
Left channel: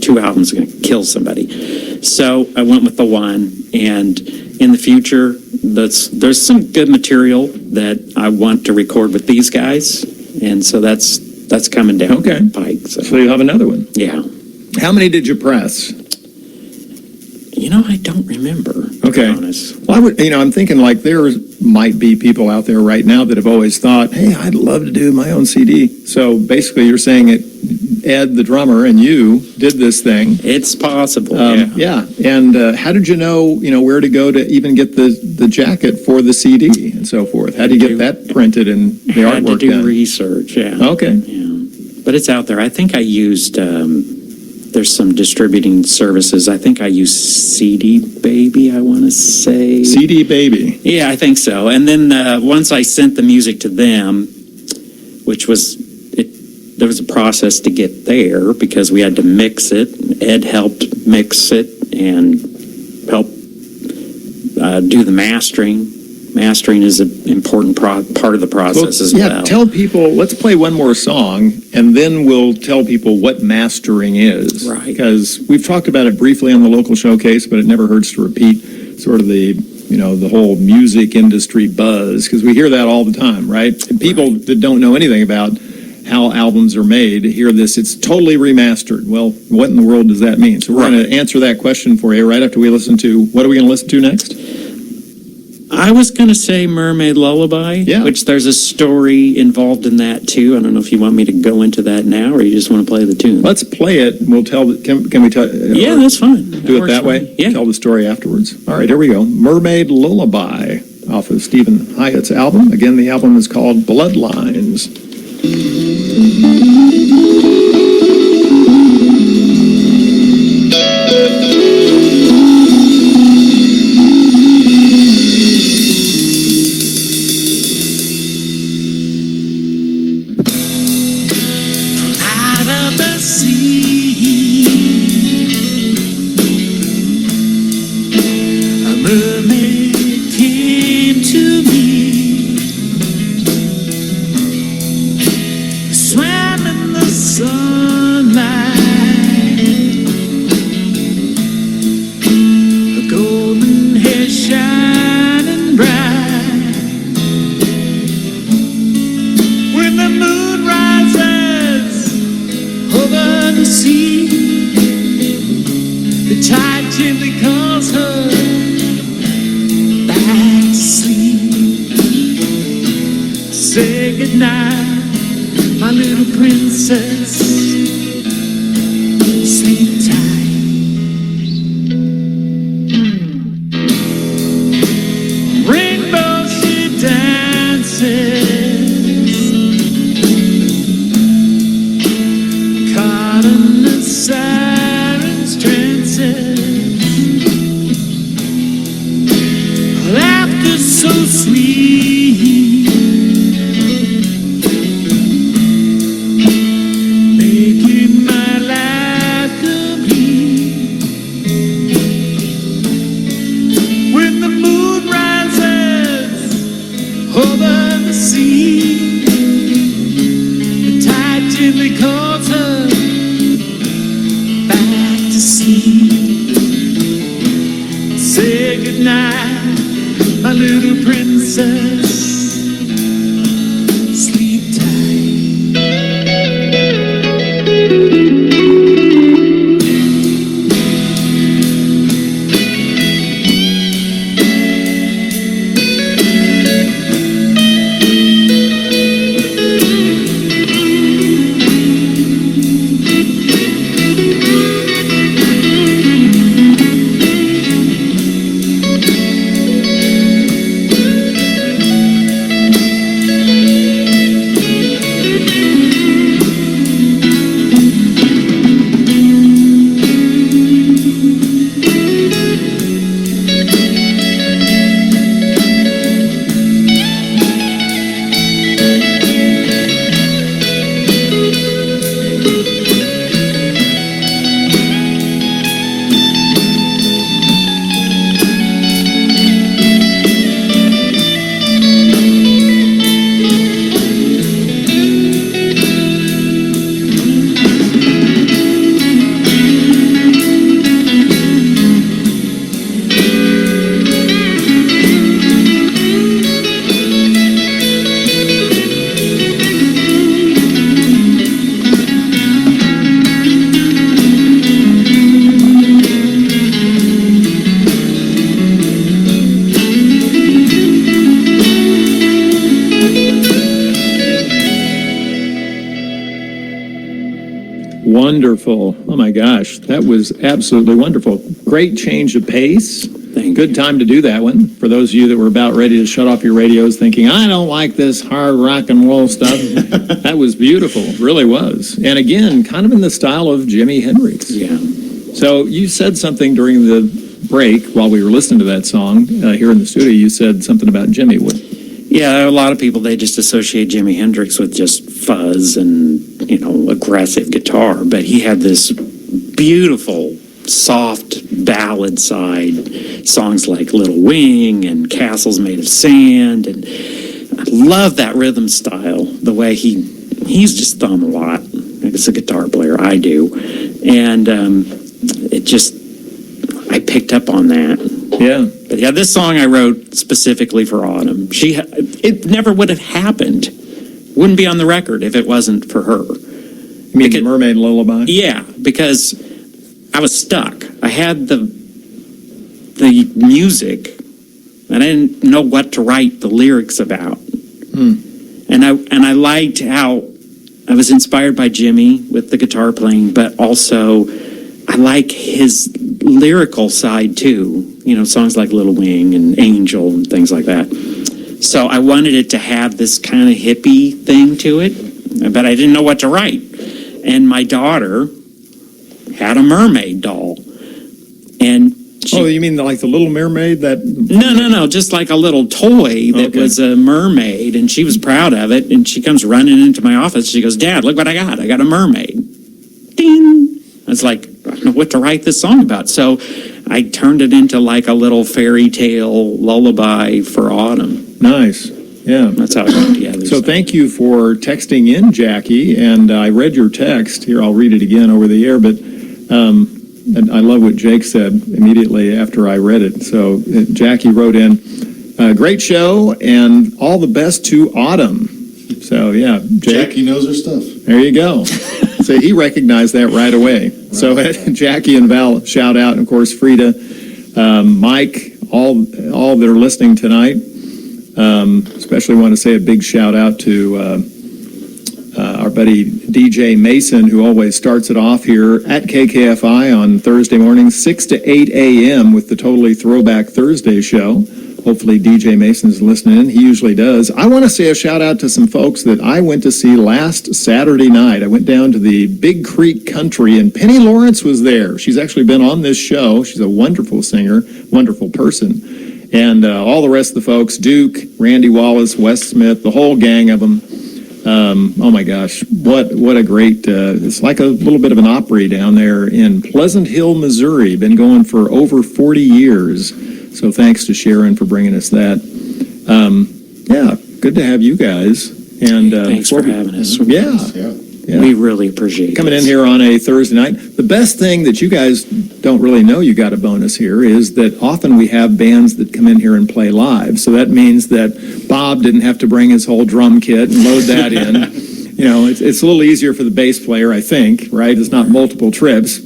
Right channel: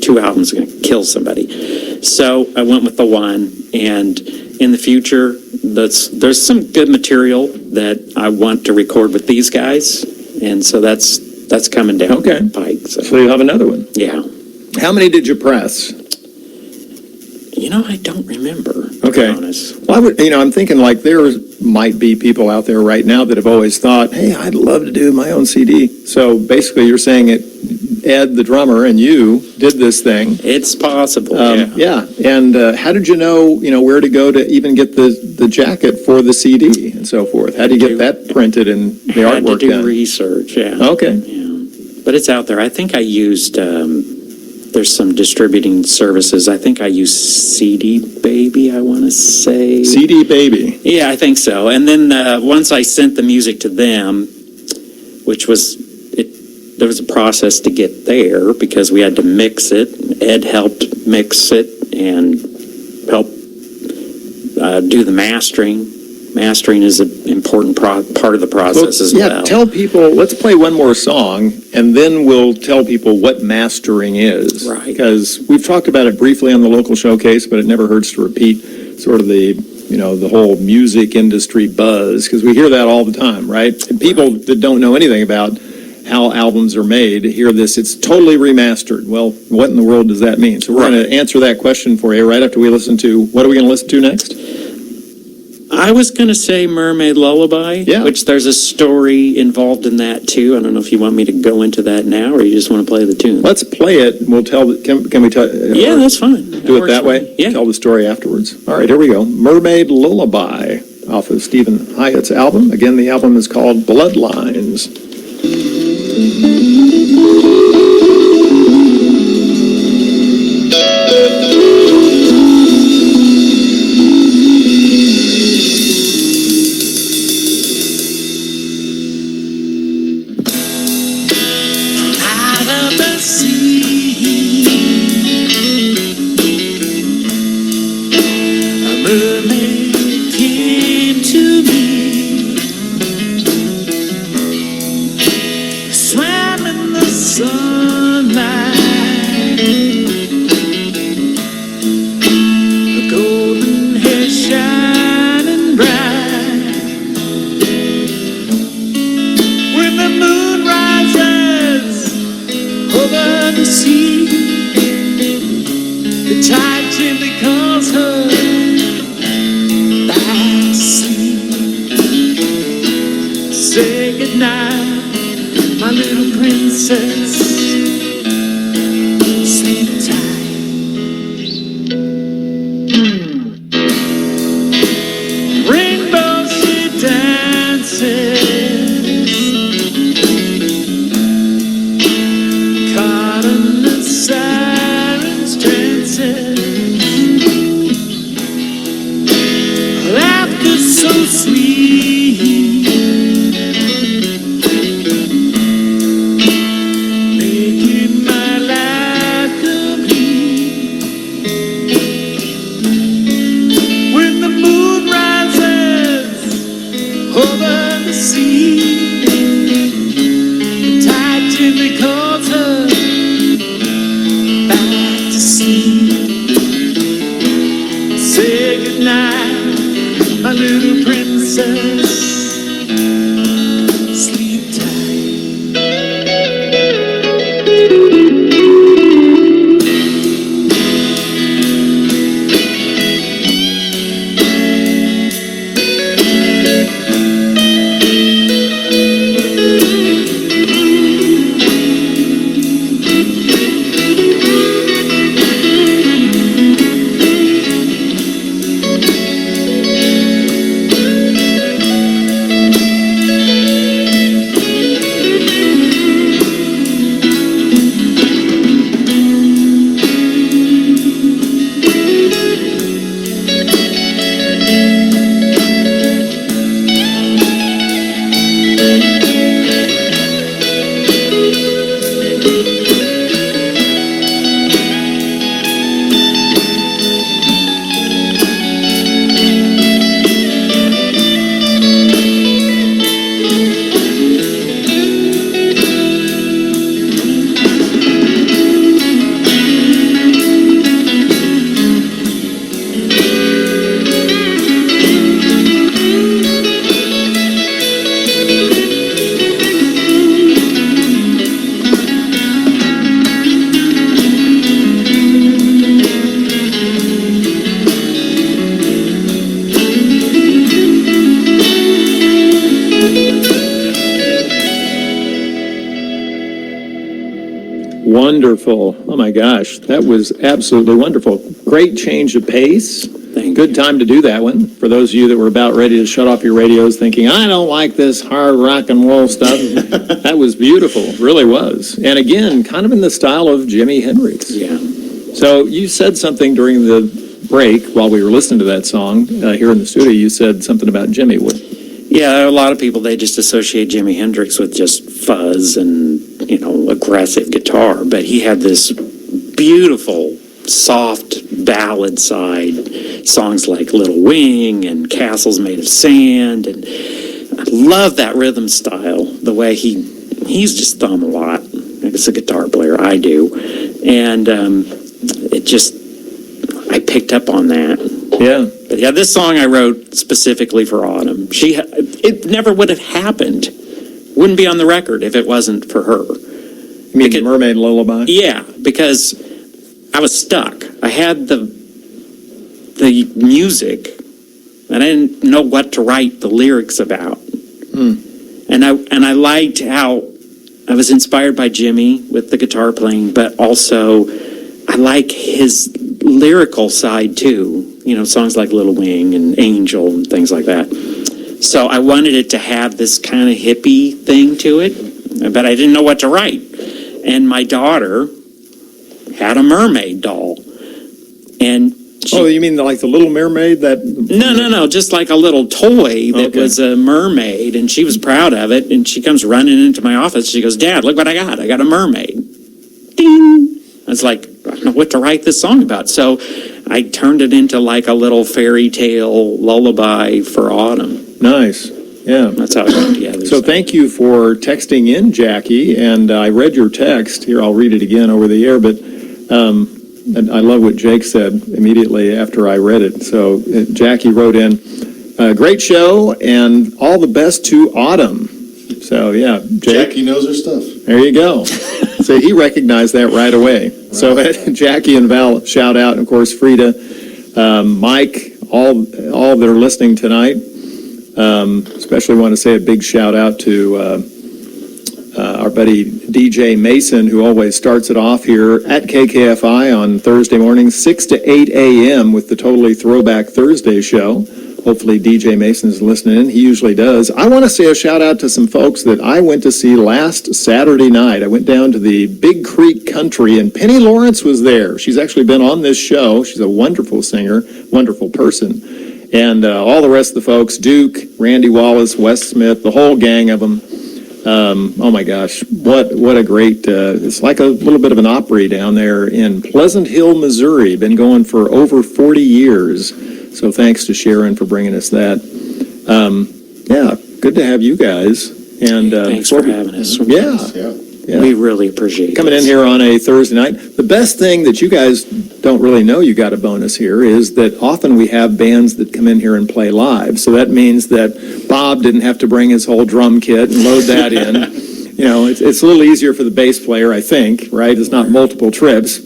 2 albums are going to kill somebody. So I went with the one, and in the future, there's some good material that I want to record with these guys, and so that's coming down the pike. So you'll have another one. Yeah. How many did you press? I don't remember. Okay. To be honest. Well, I'm thinking like there might be people out there right now that have always thought, hey, I'd love to do my own CD. So basically you're saying Ed, the drummer, and you did this thing. It's possible, yeah. And how did you know, where to go to even get the jacket for the CD and so forth? How do you get that printed and the artwork Had to do done? research, yeah. Okay. Yeah. But it's out there. I think I used... there's some distributing services. I think I used CD Baby, I want to say. CD Baby. Yeah, I think so. And then once I sent the music to them, which was, there was a process to get there because we had to mix it. Ed helped mix it and help do the mastering. Mastering is an important part of the process as well. Yeah, tell people, let's play one more song, and then we'll tell people what mastering is. Right. Because we've talked about it briefly on the local showcase, but it never hurts to repeat sort of the whole music industry buzz, because we hear that all the time, right? And people that don't know anything about how albums are made hear this, it's totally remastered. Well, what in the world does that mean? So we're going to answer that question for you right after we listen to, what are we going to listen to next? I was going to say Mermaid Lullaby, which there's a story involved in that too. I don't know if you want me to go into that now or you just want to play the tune. Let's play it. And we'll tell. Can we tell? Yeah, that's fine. Do it that way? Yeah. Tell the story afterwards. All right, here we go. Mermaid Lullaby off of Steven Hiatt's album. Again, the album is called Bloodlines. Make kisses. Sleep tight. Wonderful. Oh my gosh, that was absolutely wonderful. Great change of pace. Good time to do that one. For those of you that were about ready to shut off your radios thinking, I don't like this hard rock and roll stuff. That was beautiful, really was. And again, kind of in the style of Jimi Hendrix. Yeah. So you said something during the break while we were listening to that song here in the studio. You said something about Jimmy. What? Yeah, a lot of people, they just associate Jimi Hendrix with just fuzz and, aggressive guitar. But he had this beautiful, soft ballad side, songs like Little Wing and Castles Made of Sand. And I love that rhythm style, the way he's just thumb a lot. As a guitar player, I do. And I picked up on that. Yeah. But yeah, this song I wrote specifically for Autumn. It never would have happened. Wouldn't be on the record if it wasn't for her. You mean Mermaid Lullaby? Yeah, because I was stuck. I had the music, and I didn't know what to write the lyrics about. And I liked how I was inspired by Jimmy with the guitar playing, but also I like his lyrical side too. Songs like Little Wing and Angel and things like that. So I wanted it to have this kind of hippie thing to it, but I didn't know what to write. And my daughter had a mermaid doll. And you mean like the Little Mermaid? No, just like a little toy that was a mermaid, and she was proud of it, and she comes running into my office. She goes, Dad, look what I got. I got a mermaid. Ding! I was like, I don't know what to write this song about. So I turned it into like a little fairy tale lullaby for Autumn. Nice. Yeah. That's how it went together. So thank you for texting in, Jackie, and I read your text. Here, I'll read it again over the air, but and I love what Jake said immediately after I read it. So Jackie wrote in, great show, and all the best to Autumn. So, yeah, Jake. Jackie knows her stuff. There you go. So he recognized that right away. Right. So Jackie and Val, shout out, and of course, Frida, Mike, all that are listening tonight. Especially want to say a big shout out to our buddy DJ Mason, who always starts it off here at KKFI on Thursday mornings, 6 to 8 a.m. with the Totally Throwback Thursday show. Hopefully DJ Mason's listening in. He usually does. I want to say a shout out to some folks that I went to see last Saturday night. I went down to the Big Creek Country, and Penny Lawrence was there. She's actually been on this show. She's a wonderful singer, wonderful person. And all the rest of the folks, Duke, Randy Wallace, Wes Smith, the whole gang of them. Oh my gosh, what a great, it's like a little bit of an Opry down there in Pleasant Hill, Missouri. Been going for over 40 years. So thanks to Sharon for bringing us that. Yeah, good to have you guys. And thanks for having us. Yeah. Yeah. We really appreciate Coming in this. here on a Thursday night. The best thing that you guys don't really know you got a bonus here is that often we have bands that come in here and play live. So that means that Bob didn't have to bring his whole drum kit and load that in. You know, it's a little easier for the bass player, I think, right? It's not multiple trips.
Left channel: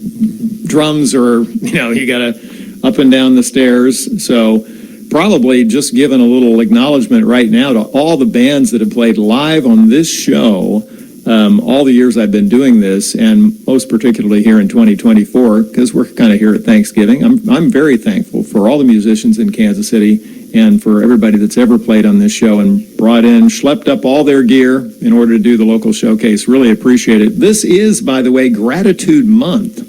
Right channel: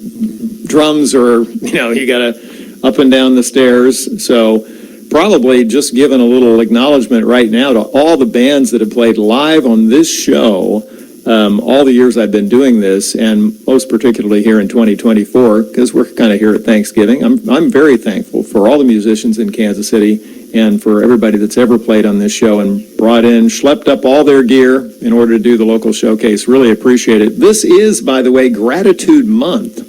Drums are, you got to up and down the stairs. So probably just giving a little acknowledgement right now to all the bands that have played live on this show all the years I've been doing this, and most particularly here in 2024, because we're kind of here at Thanksgiving. I'm very thankful for all the musicians in Kansas City and for everybody that's ever played on this show and schlepped up all their gear in order to do the local showcase. Really appreciate it. This is, by the way, Gratitude Month.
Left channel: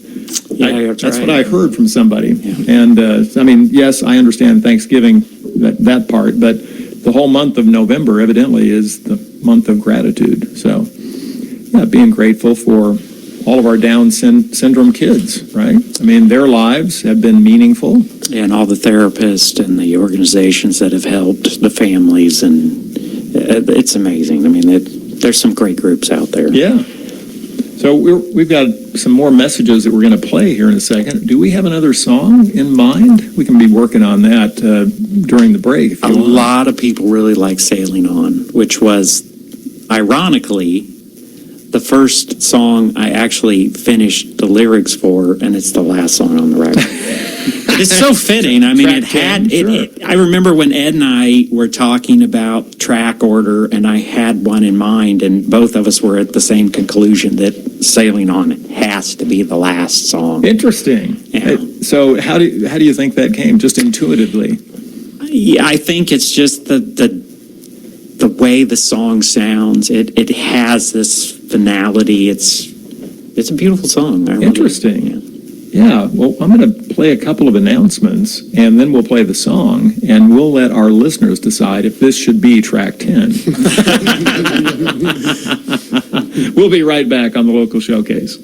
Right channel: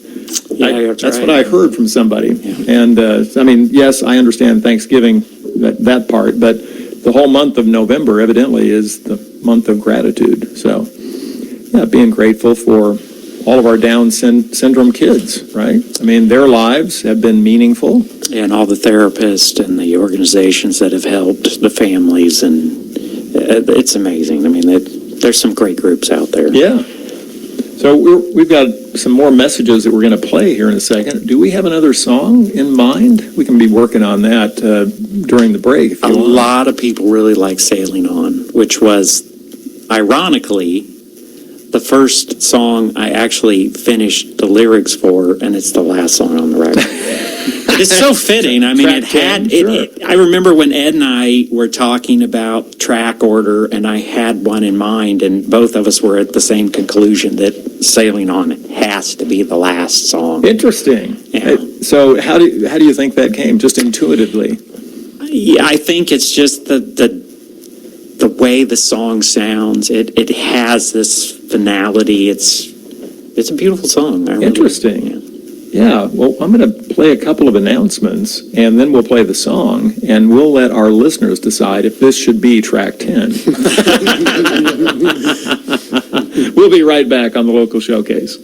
Yeah, That's right. what I heard from somebody. Yeah. And, yes, I understand Thanksgiving, that part, but the whole month of November evidently is the month of gratitude. So, yeah, being grateful for all of our Down syndrome kids, right? I mean, their lives have been meaningful. And all the therapists and the organizations that have helped the families, and it's amazing. I mean, there's some great groups out there. Yeah. So we've got some more messages that we're going to play here in a second. Do we have another song in mind? We can be working on that during the break. If A you want. lot of people really like Sailing On, which was, ironically, the first song I actually finished the lyrics for, and it's the last song on the record. It's so fitting. I mean, I remember when Ed and I were talking about track order, and I had one in mind, and both of us were at the same conclusion that Sailing On has to be the last song. Interesting. Yeah. So how do you think that came? Just intuitively? Yeah, I think it's just the way the song sounds. It has this finality. It's a beautiful song. Interesting. Yeah. Yeah, well, I'm going to play a couple of announcements, and then we'll play the song, and we'll let our listeners decide if this should be track 10. We'll be right back on the local showcase.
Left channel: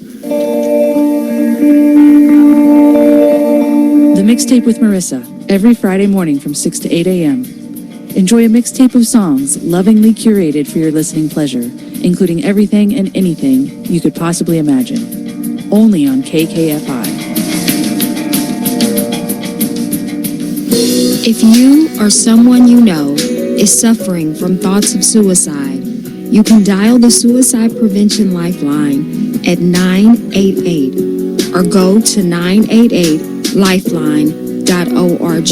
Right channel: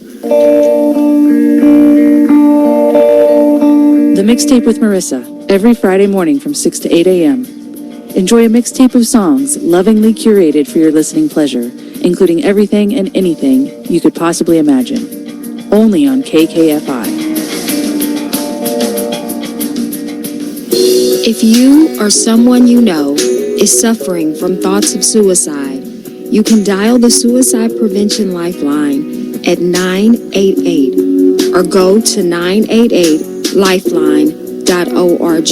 The Mixtape with Marissa, every Friday morning from 6 to 8 a.m. Enjoy a mixtape of songs lovingly curated for your listening pleasure, including everything and anything you could possibly imagine. Only on KKFI. If you or someone you know is suffering from thoughts of suicide, you can dial the Suicide Prevention Lifeline at 988 or go to 988lifeline.org.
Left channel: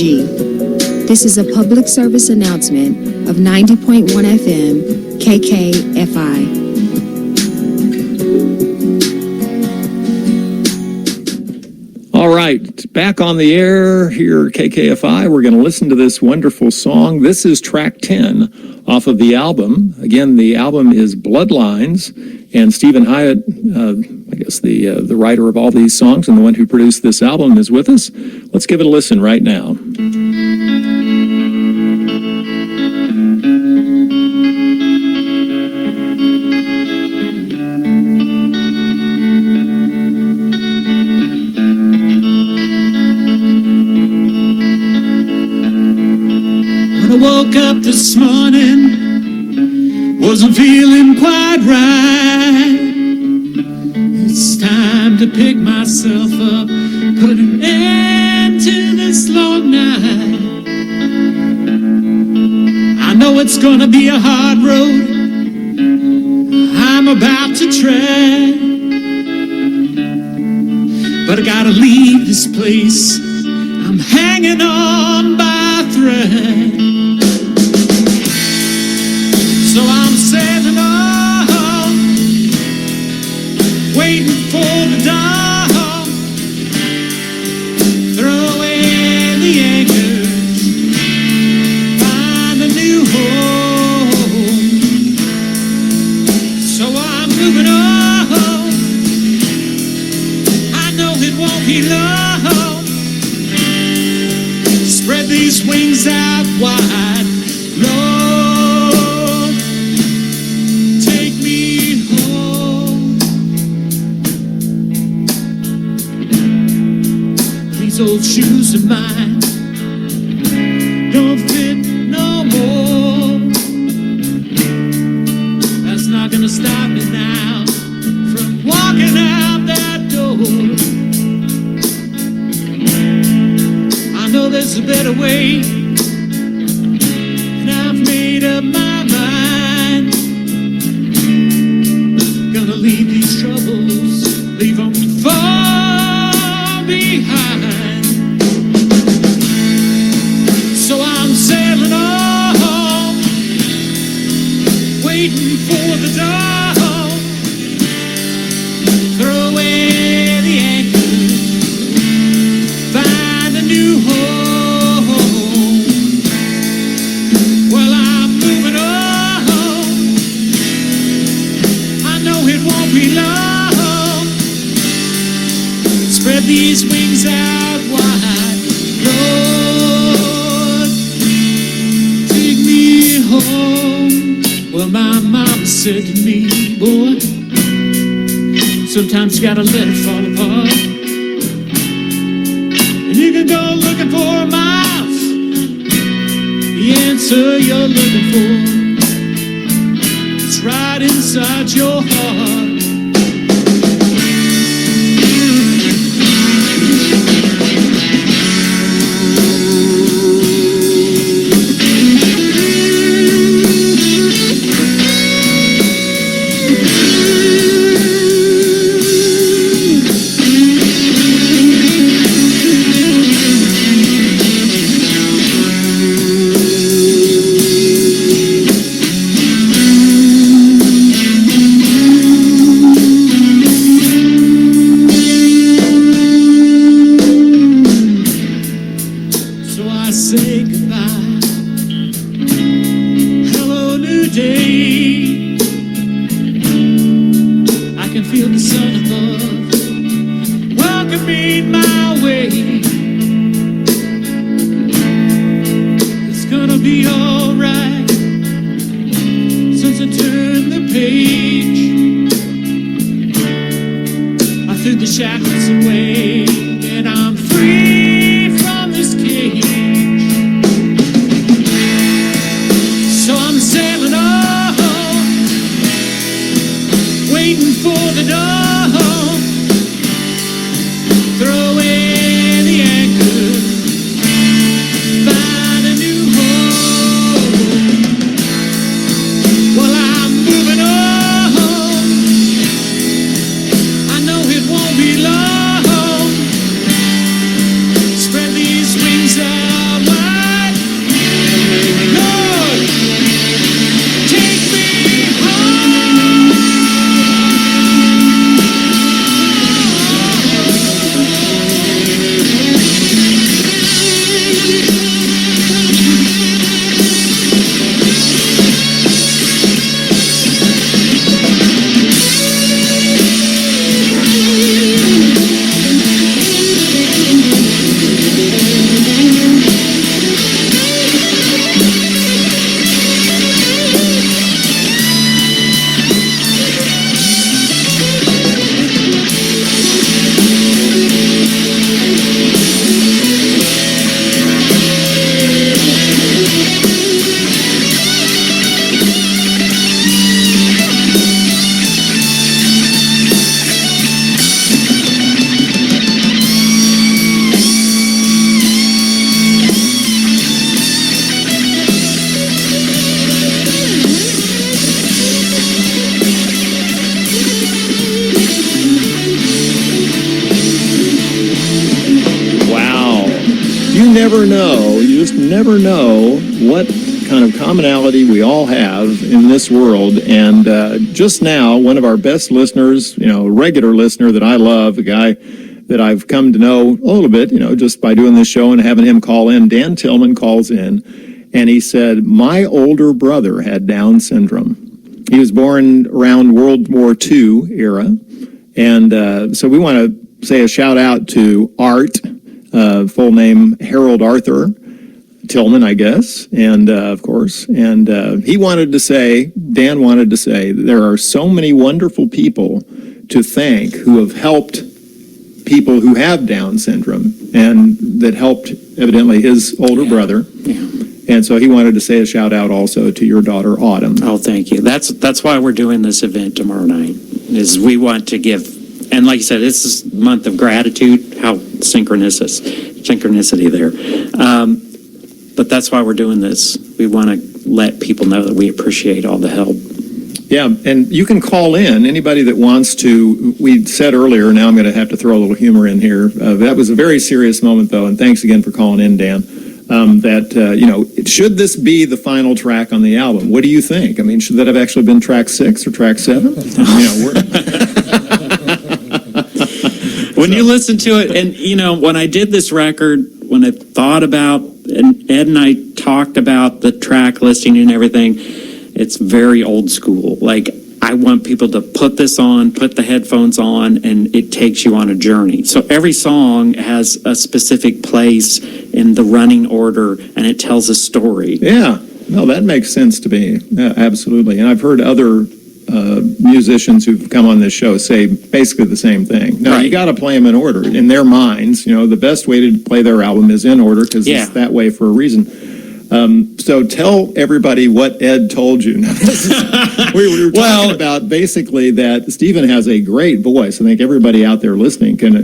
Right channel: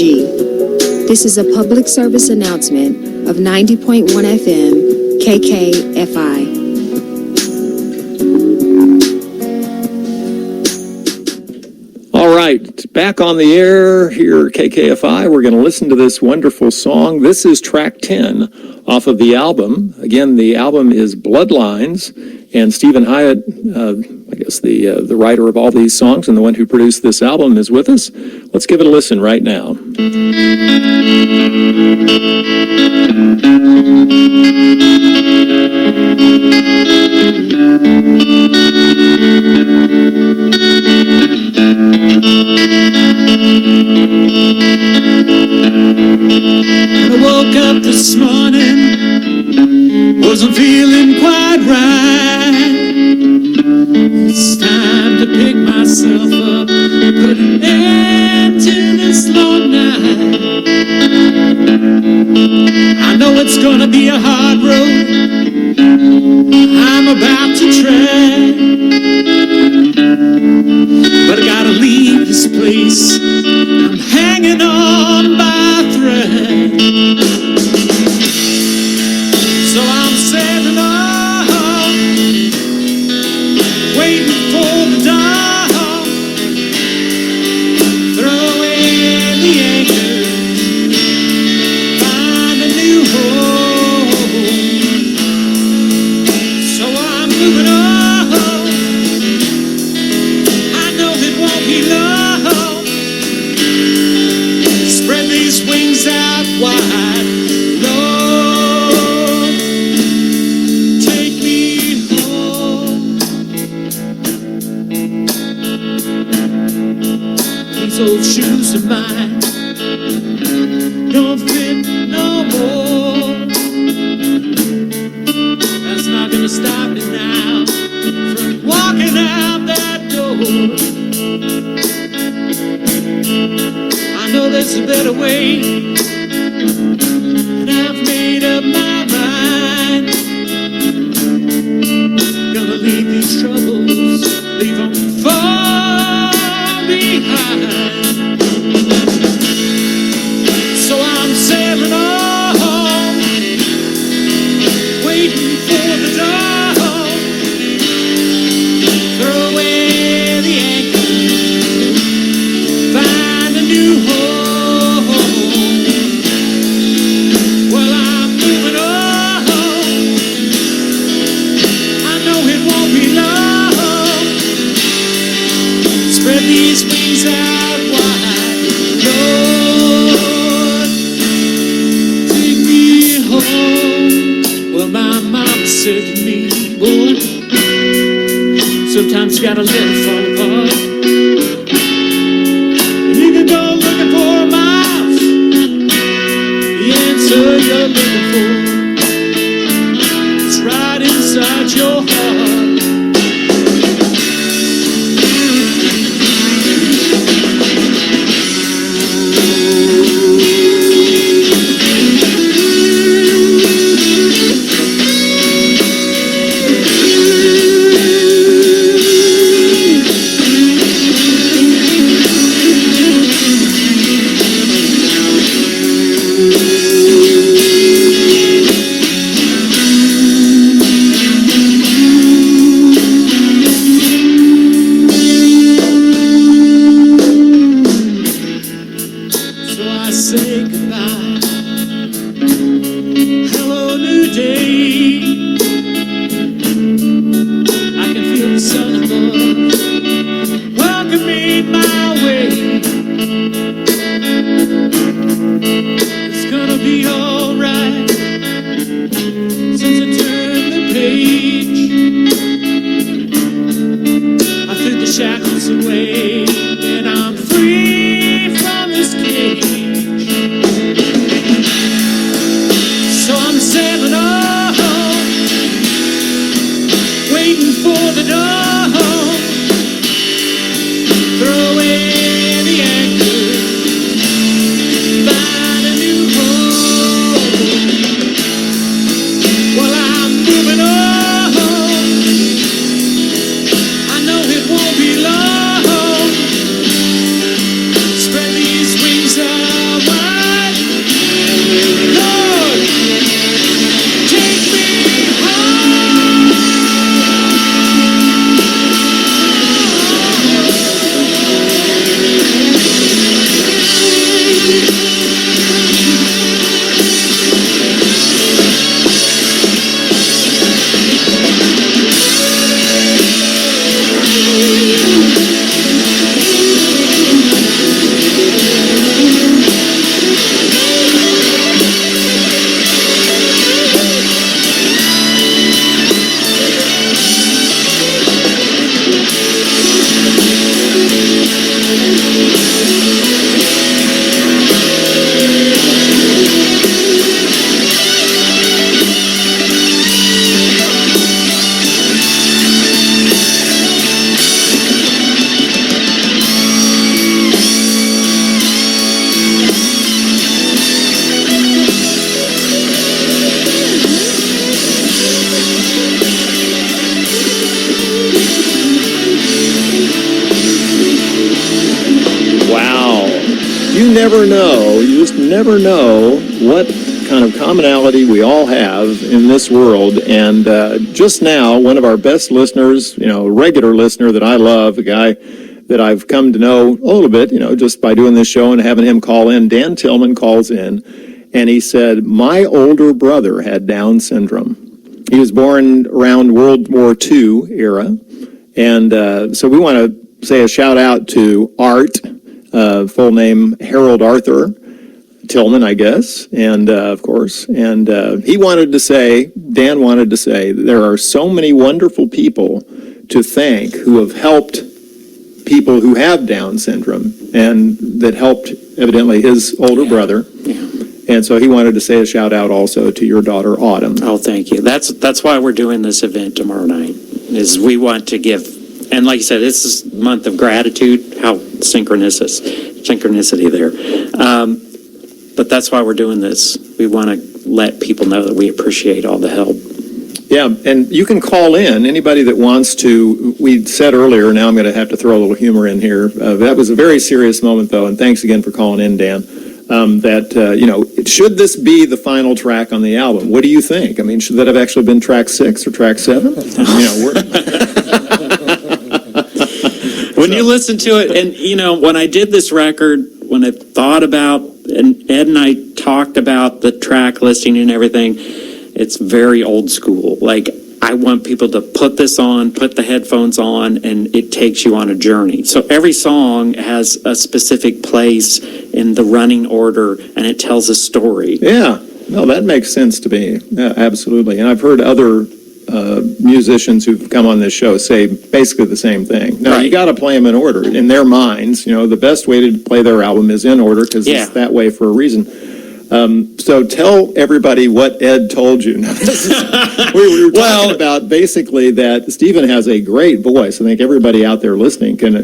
This is a public service announcement of 90.1 FM KKFI. All right, back on the air here at KKFI. We're going to listen to this wonderful song. This is track 10 off of the album. Again, the album is Bloodlines, and Steven Hiatt, I guess the writer of all these songs and the one who produced this album, is with us. Let's give it a listen right now. When I woke up this morning, wasn't feeling quite right. It's time to pick myself up, put an end to this long night. I know it's gonna be a hard road I'm about to tread, but I gotta leave this place. I'm hanging on by a thread. So I'm sailing on, waiting for the dawn. Throw in the anchors, find a new home. So I'm moving on. I know it won't be long. Spread these wings out wide, Lord, take me home. These old shoes of mine don't fit no more. That's not gonna stop me now. walking out that door. I know there's a better way, and I've made up my mind. Gonna leave these troubles, leave them far behind. So I'm sailing on, waiting for the dawn. Throw away the anchor, find a new home. Well, I'm moving on, I know it won't be long. Spread these wings out wide, Lord, take me home. Well, my mama said to me, boy, sometimes you gotta let it fall apart. And you can go looking for miles, the answer you're looking for is right inside your heart. Never know what kind of commonality we all have in this world. And just now, one of our best listeners, a regular listener that I love, a guy that I've come to know a little bit, just by doing this show and having him call in, Dan Tillman calls in, and he said, my older brother had Down syndrome. He was born around World War II era. And so we want to say a shout out to Art, full name Harold Arthur Tillman, I guess, and of course, and Dan wanted to say, there are so many wonderful people to thank who have helped people who have Down syndrome, and that helped evidently his older brother. Yeah. And so he wanted to say a shout out also to your daughter, Autumn. Oh, thank you. That's why we're doing this event tomorrow night, is we want to give And like you said, this is a month of gratitude. How synchronicity there. But that's why we're doing this. We want to let people know that we appreciate all the help. Yeah, and you can call in, anybody that wants to. We said earlier, now I'm going to have to throw a little humor in here. That was a very serious moment, though, and thanks again for calling in, Dan. Should this be the final track on the album? What do you think? I mean, should that have actually been track 6 or track 7? When you listen to it, and, when I did this record, when I thought about, and Ed and I talked about the track listing and everything, it's very old school. Like, I want people to put this on, put the headphones on, and it takes you on a journey. So every song has a specific place in the running order, and it tells a story. Yeah, no, that makes sense to me. Yeah, absolutely. And I've heard other musicians who've come on this show say basically the same thing. Now, you got to play them in order. In their minds, the best way to play their album is in order because it's that way for a reason. So tell everybody what Ed told you. We were talking about basically that Steven has a great voice. I think everybody out there listening can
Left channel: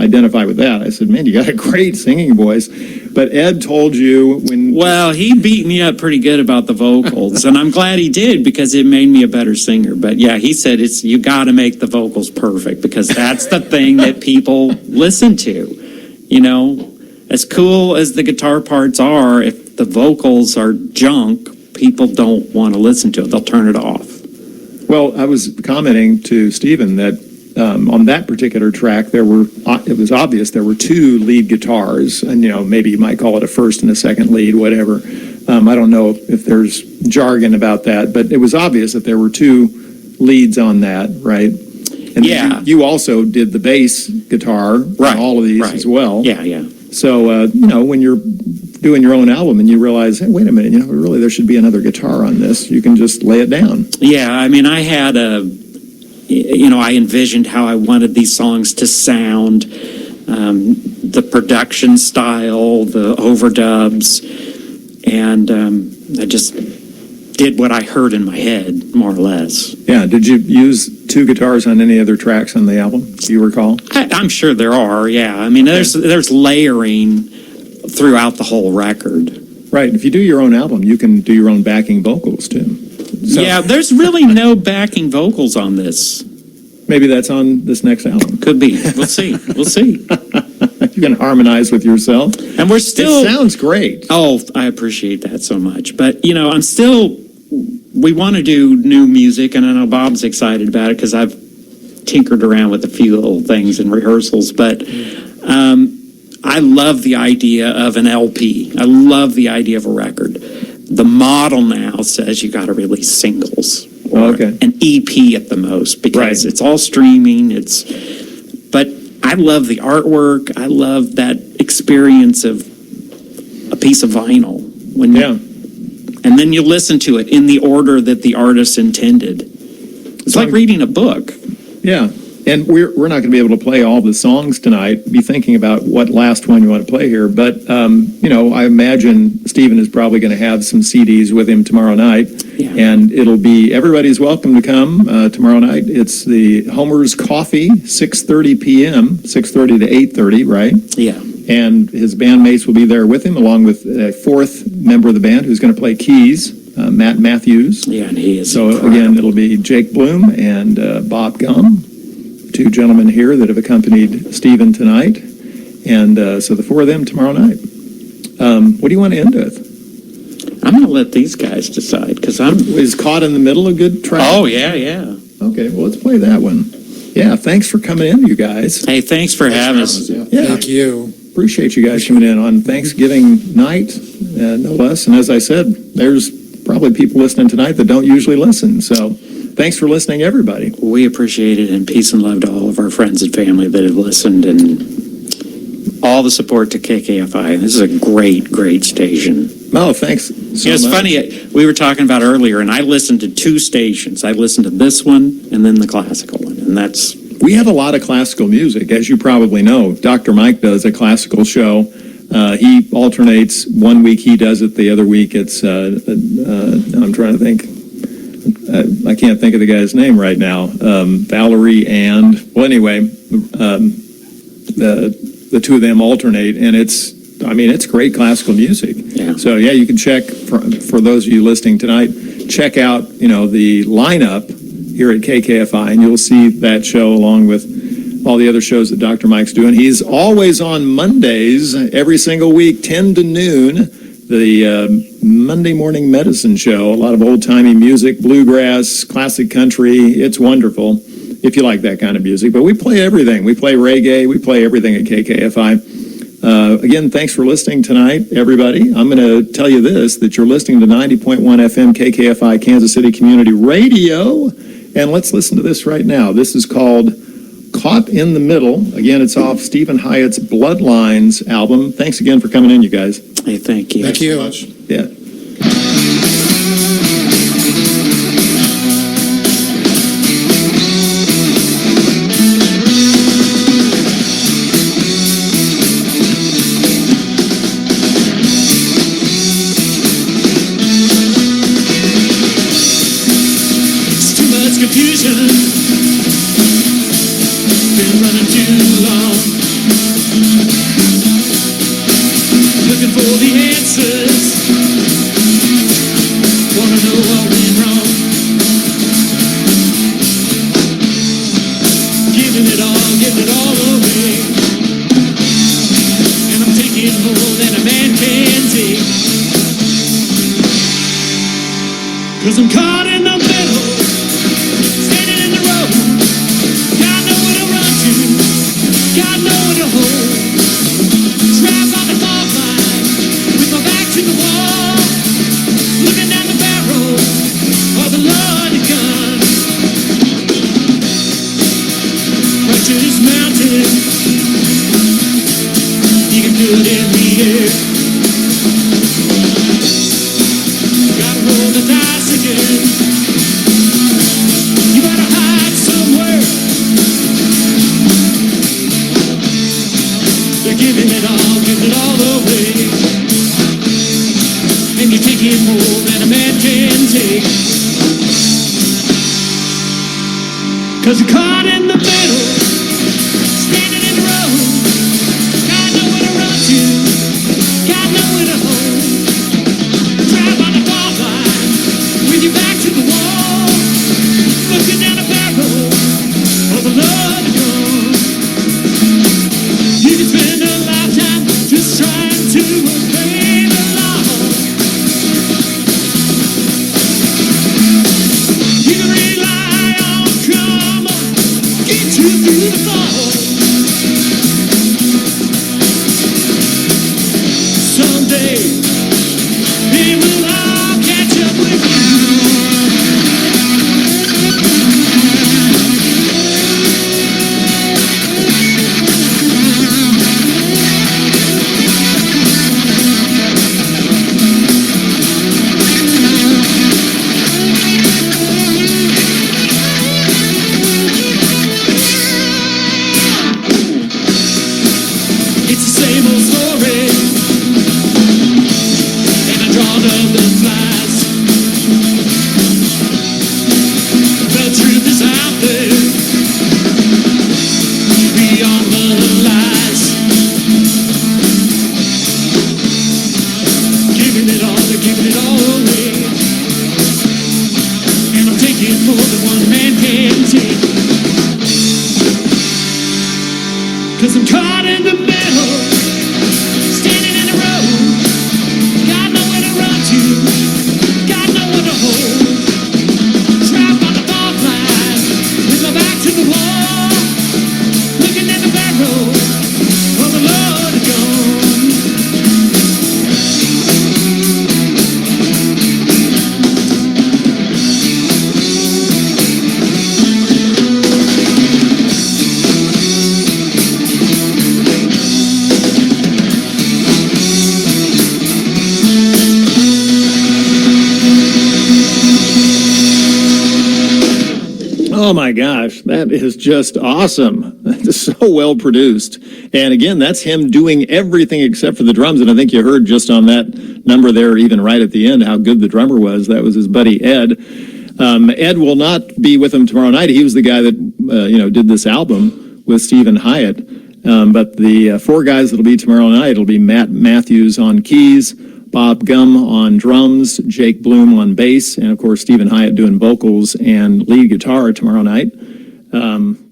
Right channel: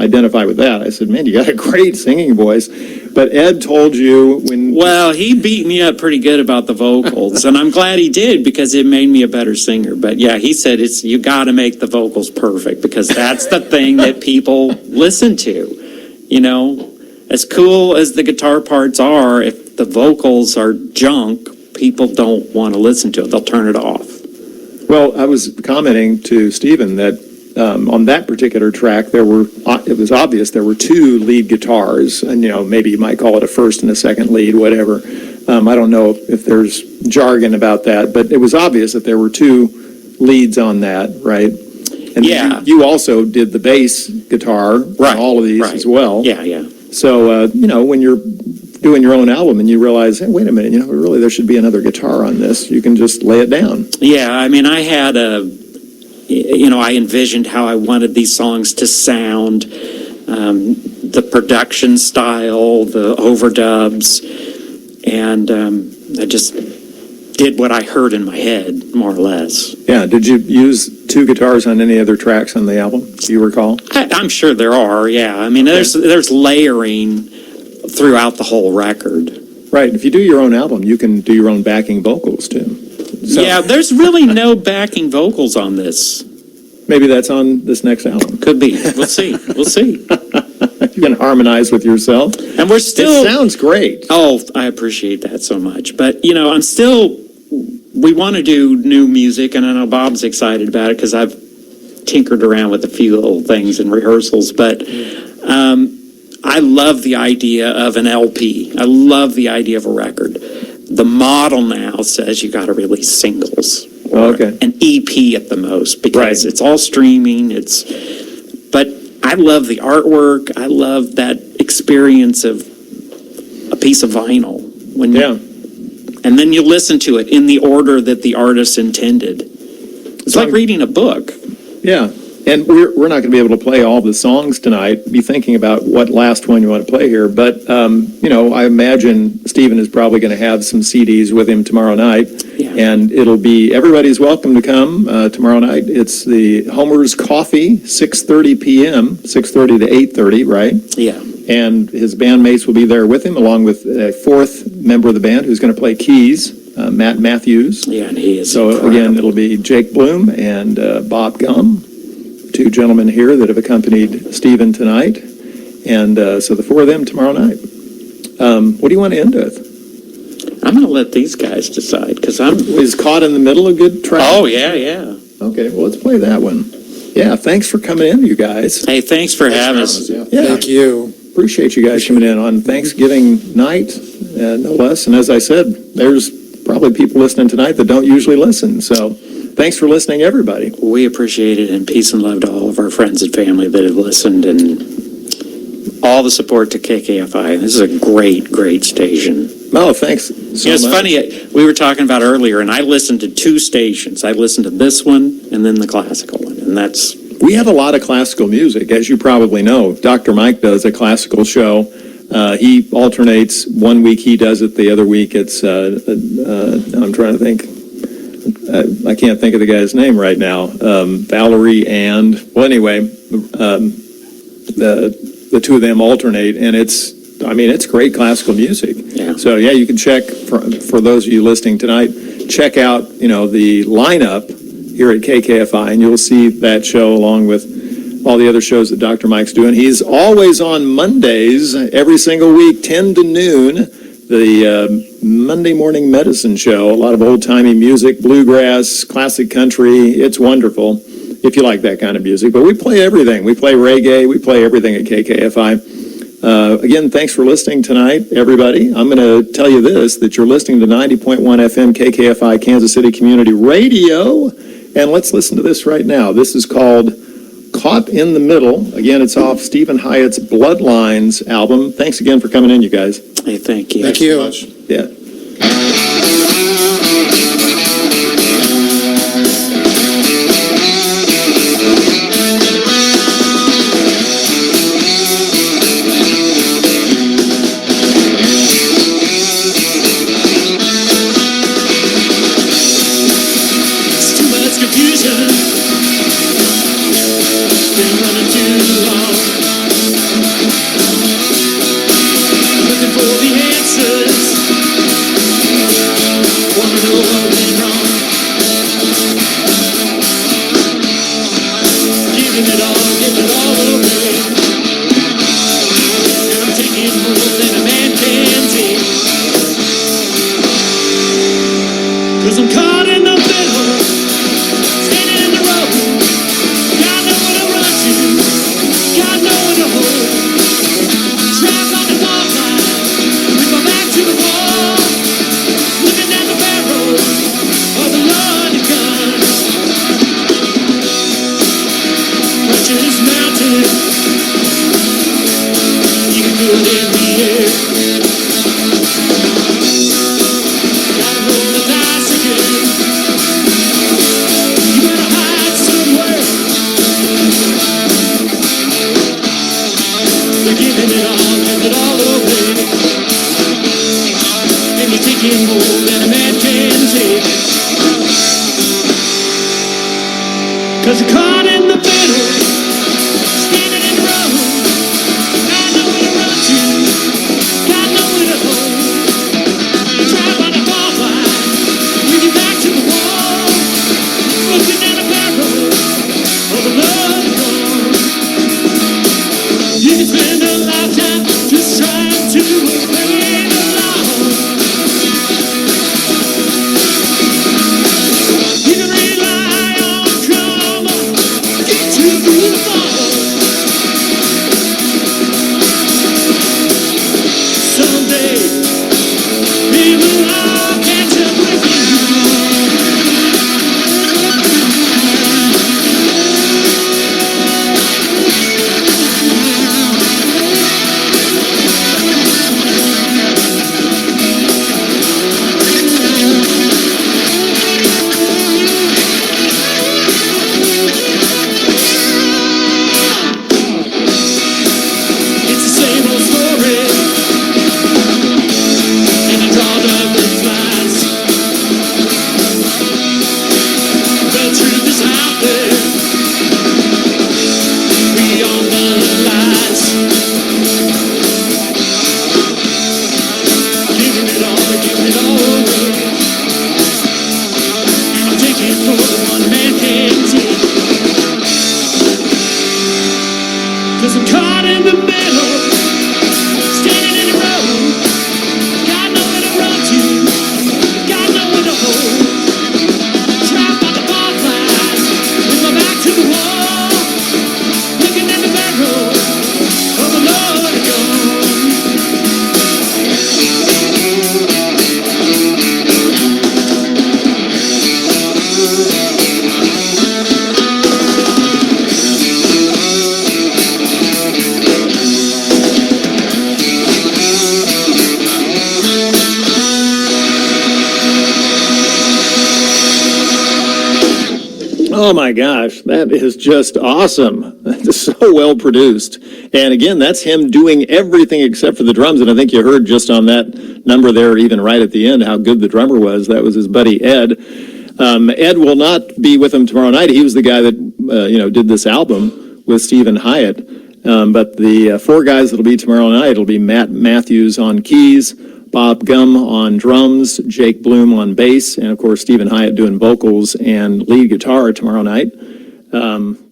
identify with that. I said, man, you got a great singing voice. But Ed told you when... Well, he beat me up pretty good about the vocals, and I'm glad he did because it made me a better singer. But yeah, he said you got to make the vocals perfect because that's the thing that people listen to. As cool as the guitar parts are, if the vocals are junk, people don't want to listen to it. They'll turn it off. Well, I was commenting to Steven that on that particular track, it was obvious there were 2 lead guitars, and maybe you might call it a first and a second lead, whatever. I don't know if there's jargon about that, but it was obvious that there were 2 leads on that, right? And you also did the bass guitar on all of these as well. Yeah. So, when you're doing your own album and you realize, hey, wait a minute, really there should be another guitar on this, you can just lay it down. Yeah, I mean, I had I envisioned how I wanted these songs to sound, the production style, the overdubs, and I just did what I heard in my head, more or less. Yeah, did you use 2 guitars on any other tracks on the album, do you recall? I'm sure there are, yeah. I mean, there's layering throughout the whole record. Right, if you do your own album, you can do your own backing vocals, too. So, yeah, there's really no backing vocals on this. Maybe that's on this next album. Could be. We'll see. You can harmonize with yourself. And we're still... It sounds great. Oh, I appreciate that so much. But, I'm still... We want to do new music, and I know Bob's excited about it because I've tinkered around with a few little things in rehearsals. But I love the idea of an LP. I love the idea of a record. The model now says you got to release singles or an EP at the most because it's all streaming. But I love the artwork. I love that experience of a piece of vinyl and then you listen to it in the order that the artist intended. It's like reading a book. Yeah. And we're not going to be able to play all the songs tonight. Be thinking about what last one you want to play here. But, I imagine Steven is probably going to have some CDs with him tomorrow night. Yeah. And it'll be, everybody's welcome to come tomorrow night. It's the Homer's Coffee, 6:30 p.m., 6:30 to 8:30, right? Yeah. And his bandmates will be there with him, along with a 4th member of the band who's going to play keys, Matt Matthews. Yeah, and he is So, incredible. Again, it'll be Jake Bloom and Bob Gum. 2 gentlemen here that have accompanied Steven tonight. And so the 4 of them tomorrow night. What do you want to end with? I'm going to let these guys decide because Is Caught in the Middle a good track? Oh, yeah. Okay, well, let's play that one. Yeah, thanks for coming in, you guys. Hey, thanks for having us. Yeah. Thank you. Appreciate you guys coming in on Thanksgiving night, no less. And as I said, there's probably people listening tonight that don't usually listen. So thanks for listening, everybody. We appreciate it, and peace and love to all of our friends and family that have listened, and all the support to KKFI. This is a great, great station. Oh, thanks so much. It's funny, we were talking about earlier, and I listened to 2 stations. I listened to this one and then the classical one, and that's... We have a lot of classical music, as you probably know. Dr. Mike does a classical show. He alternates. One week he does it, the other week it's, I'm trying to think. I can't think of the guy's name right now. Valerie and, well, anyway, the two of them alternate, and it's great classical music. Yeah. So yeah, you can check for those of you listening tonight. Check out the lineup here at KKFI, and you'll see that show along with all the other shows that Dr. Mike's doing. He's always on Mondays, every single week, 10 to noon, the Monday Morning Medicine Show. A lot of old-timey music, bluegrass, classic country. It's wonderful if you like that kind of music. But we play everything. We play reggae. We play everything at KKFI. Again, thanks for listening tonight, everybody. I'm going to tell you this, that you're listening to 90.1 FM KKFI Kansas City Community Radio. And let's listen to this right now. This is called Caught in the Middle. Again, it's off Steven Hiatt's Bloodlines album. Thanks again for coming in, you guys. Hey, thank you. Thank you. Much. Yeah. It's too much confusion. Been running too long, looking for the answers, wanna know what went wrong, giving it all away, and I'm taking more than a man can take, 'cause I'm caught in the middle, standing in the road. God know where to hold. Trapped on the fault line, with my back to the wall, looking down the barrel of the loaded gun. Precious mountain, you can feel it in the air. Gotta roll the dice again. You better hide somewhere. They're giving it all away, and you're taking more than a man can take, 'cause you're caught in the middle, standing in the road. God know where to run to, God know where to hold. Drive on the fault line, with your back to the wall, looking down the barrel of the loaded gun. You can spend a lifetime just trying to obey the law. You can rely on karma, get you through the fall. Someday, we will all catch up with you. Oh my gosh, that is just awesome. It's so well produced. And again, that's him doing everything except for the drums. And I think you heard just on that number there, even right at the end, how good the drummer was. That was his buddy Ed. Ed will not be with them tomorrow night. He was the guy that, did this album with Steven Hiatt. But the four guys that'll be tomorrow night, it'll be Matt Matthews on keys, Bob Gum on drums, Jake Bloom on bass, and of course Steven Hiatt doing vocals and lead guitar tomorrow night.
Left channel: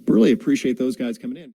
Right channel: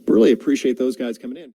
Really appreciate those guys coming in.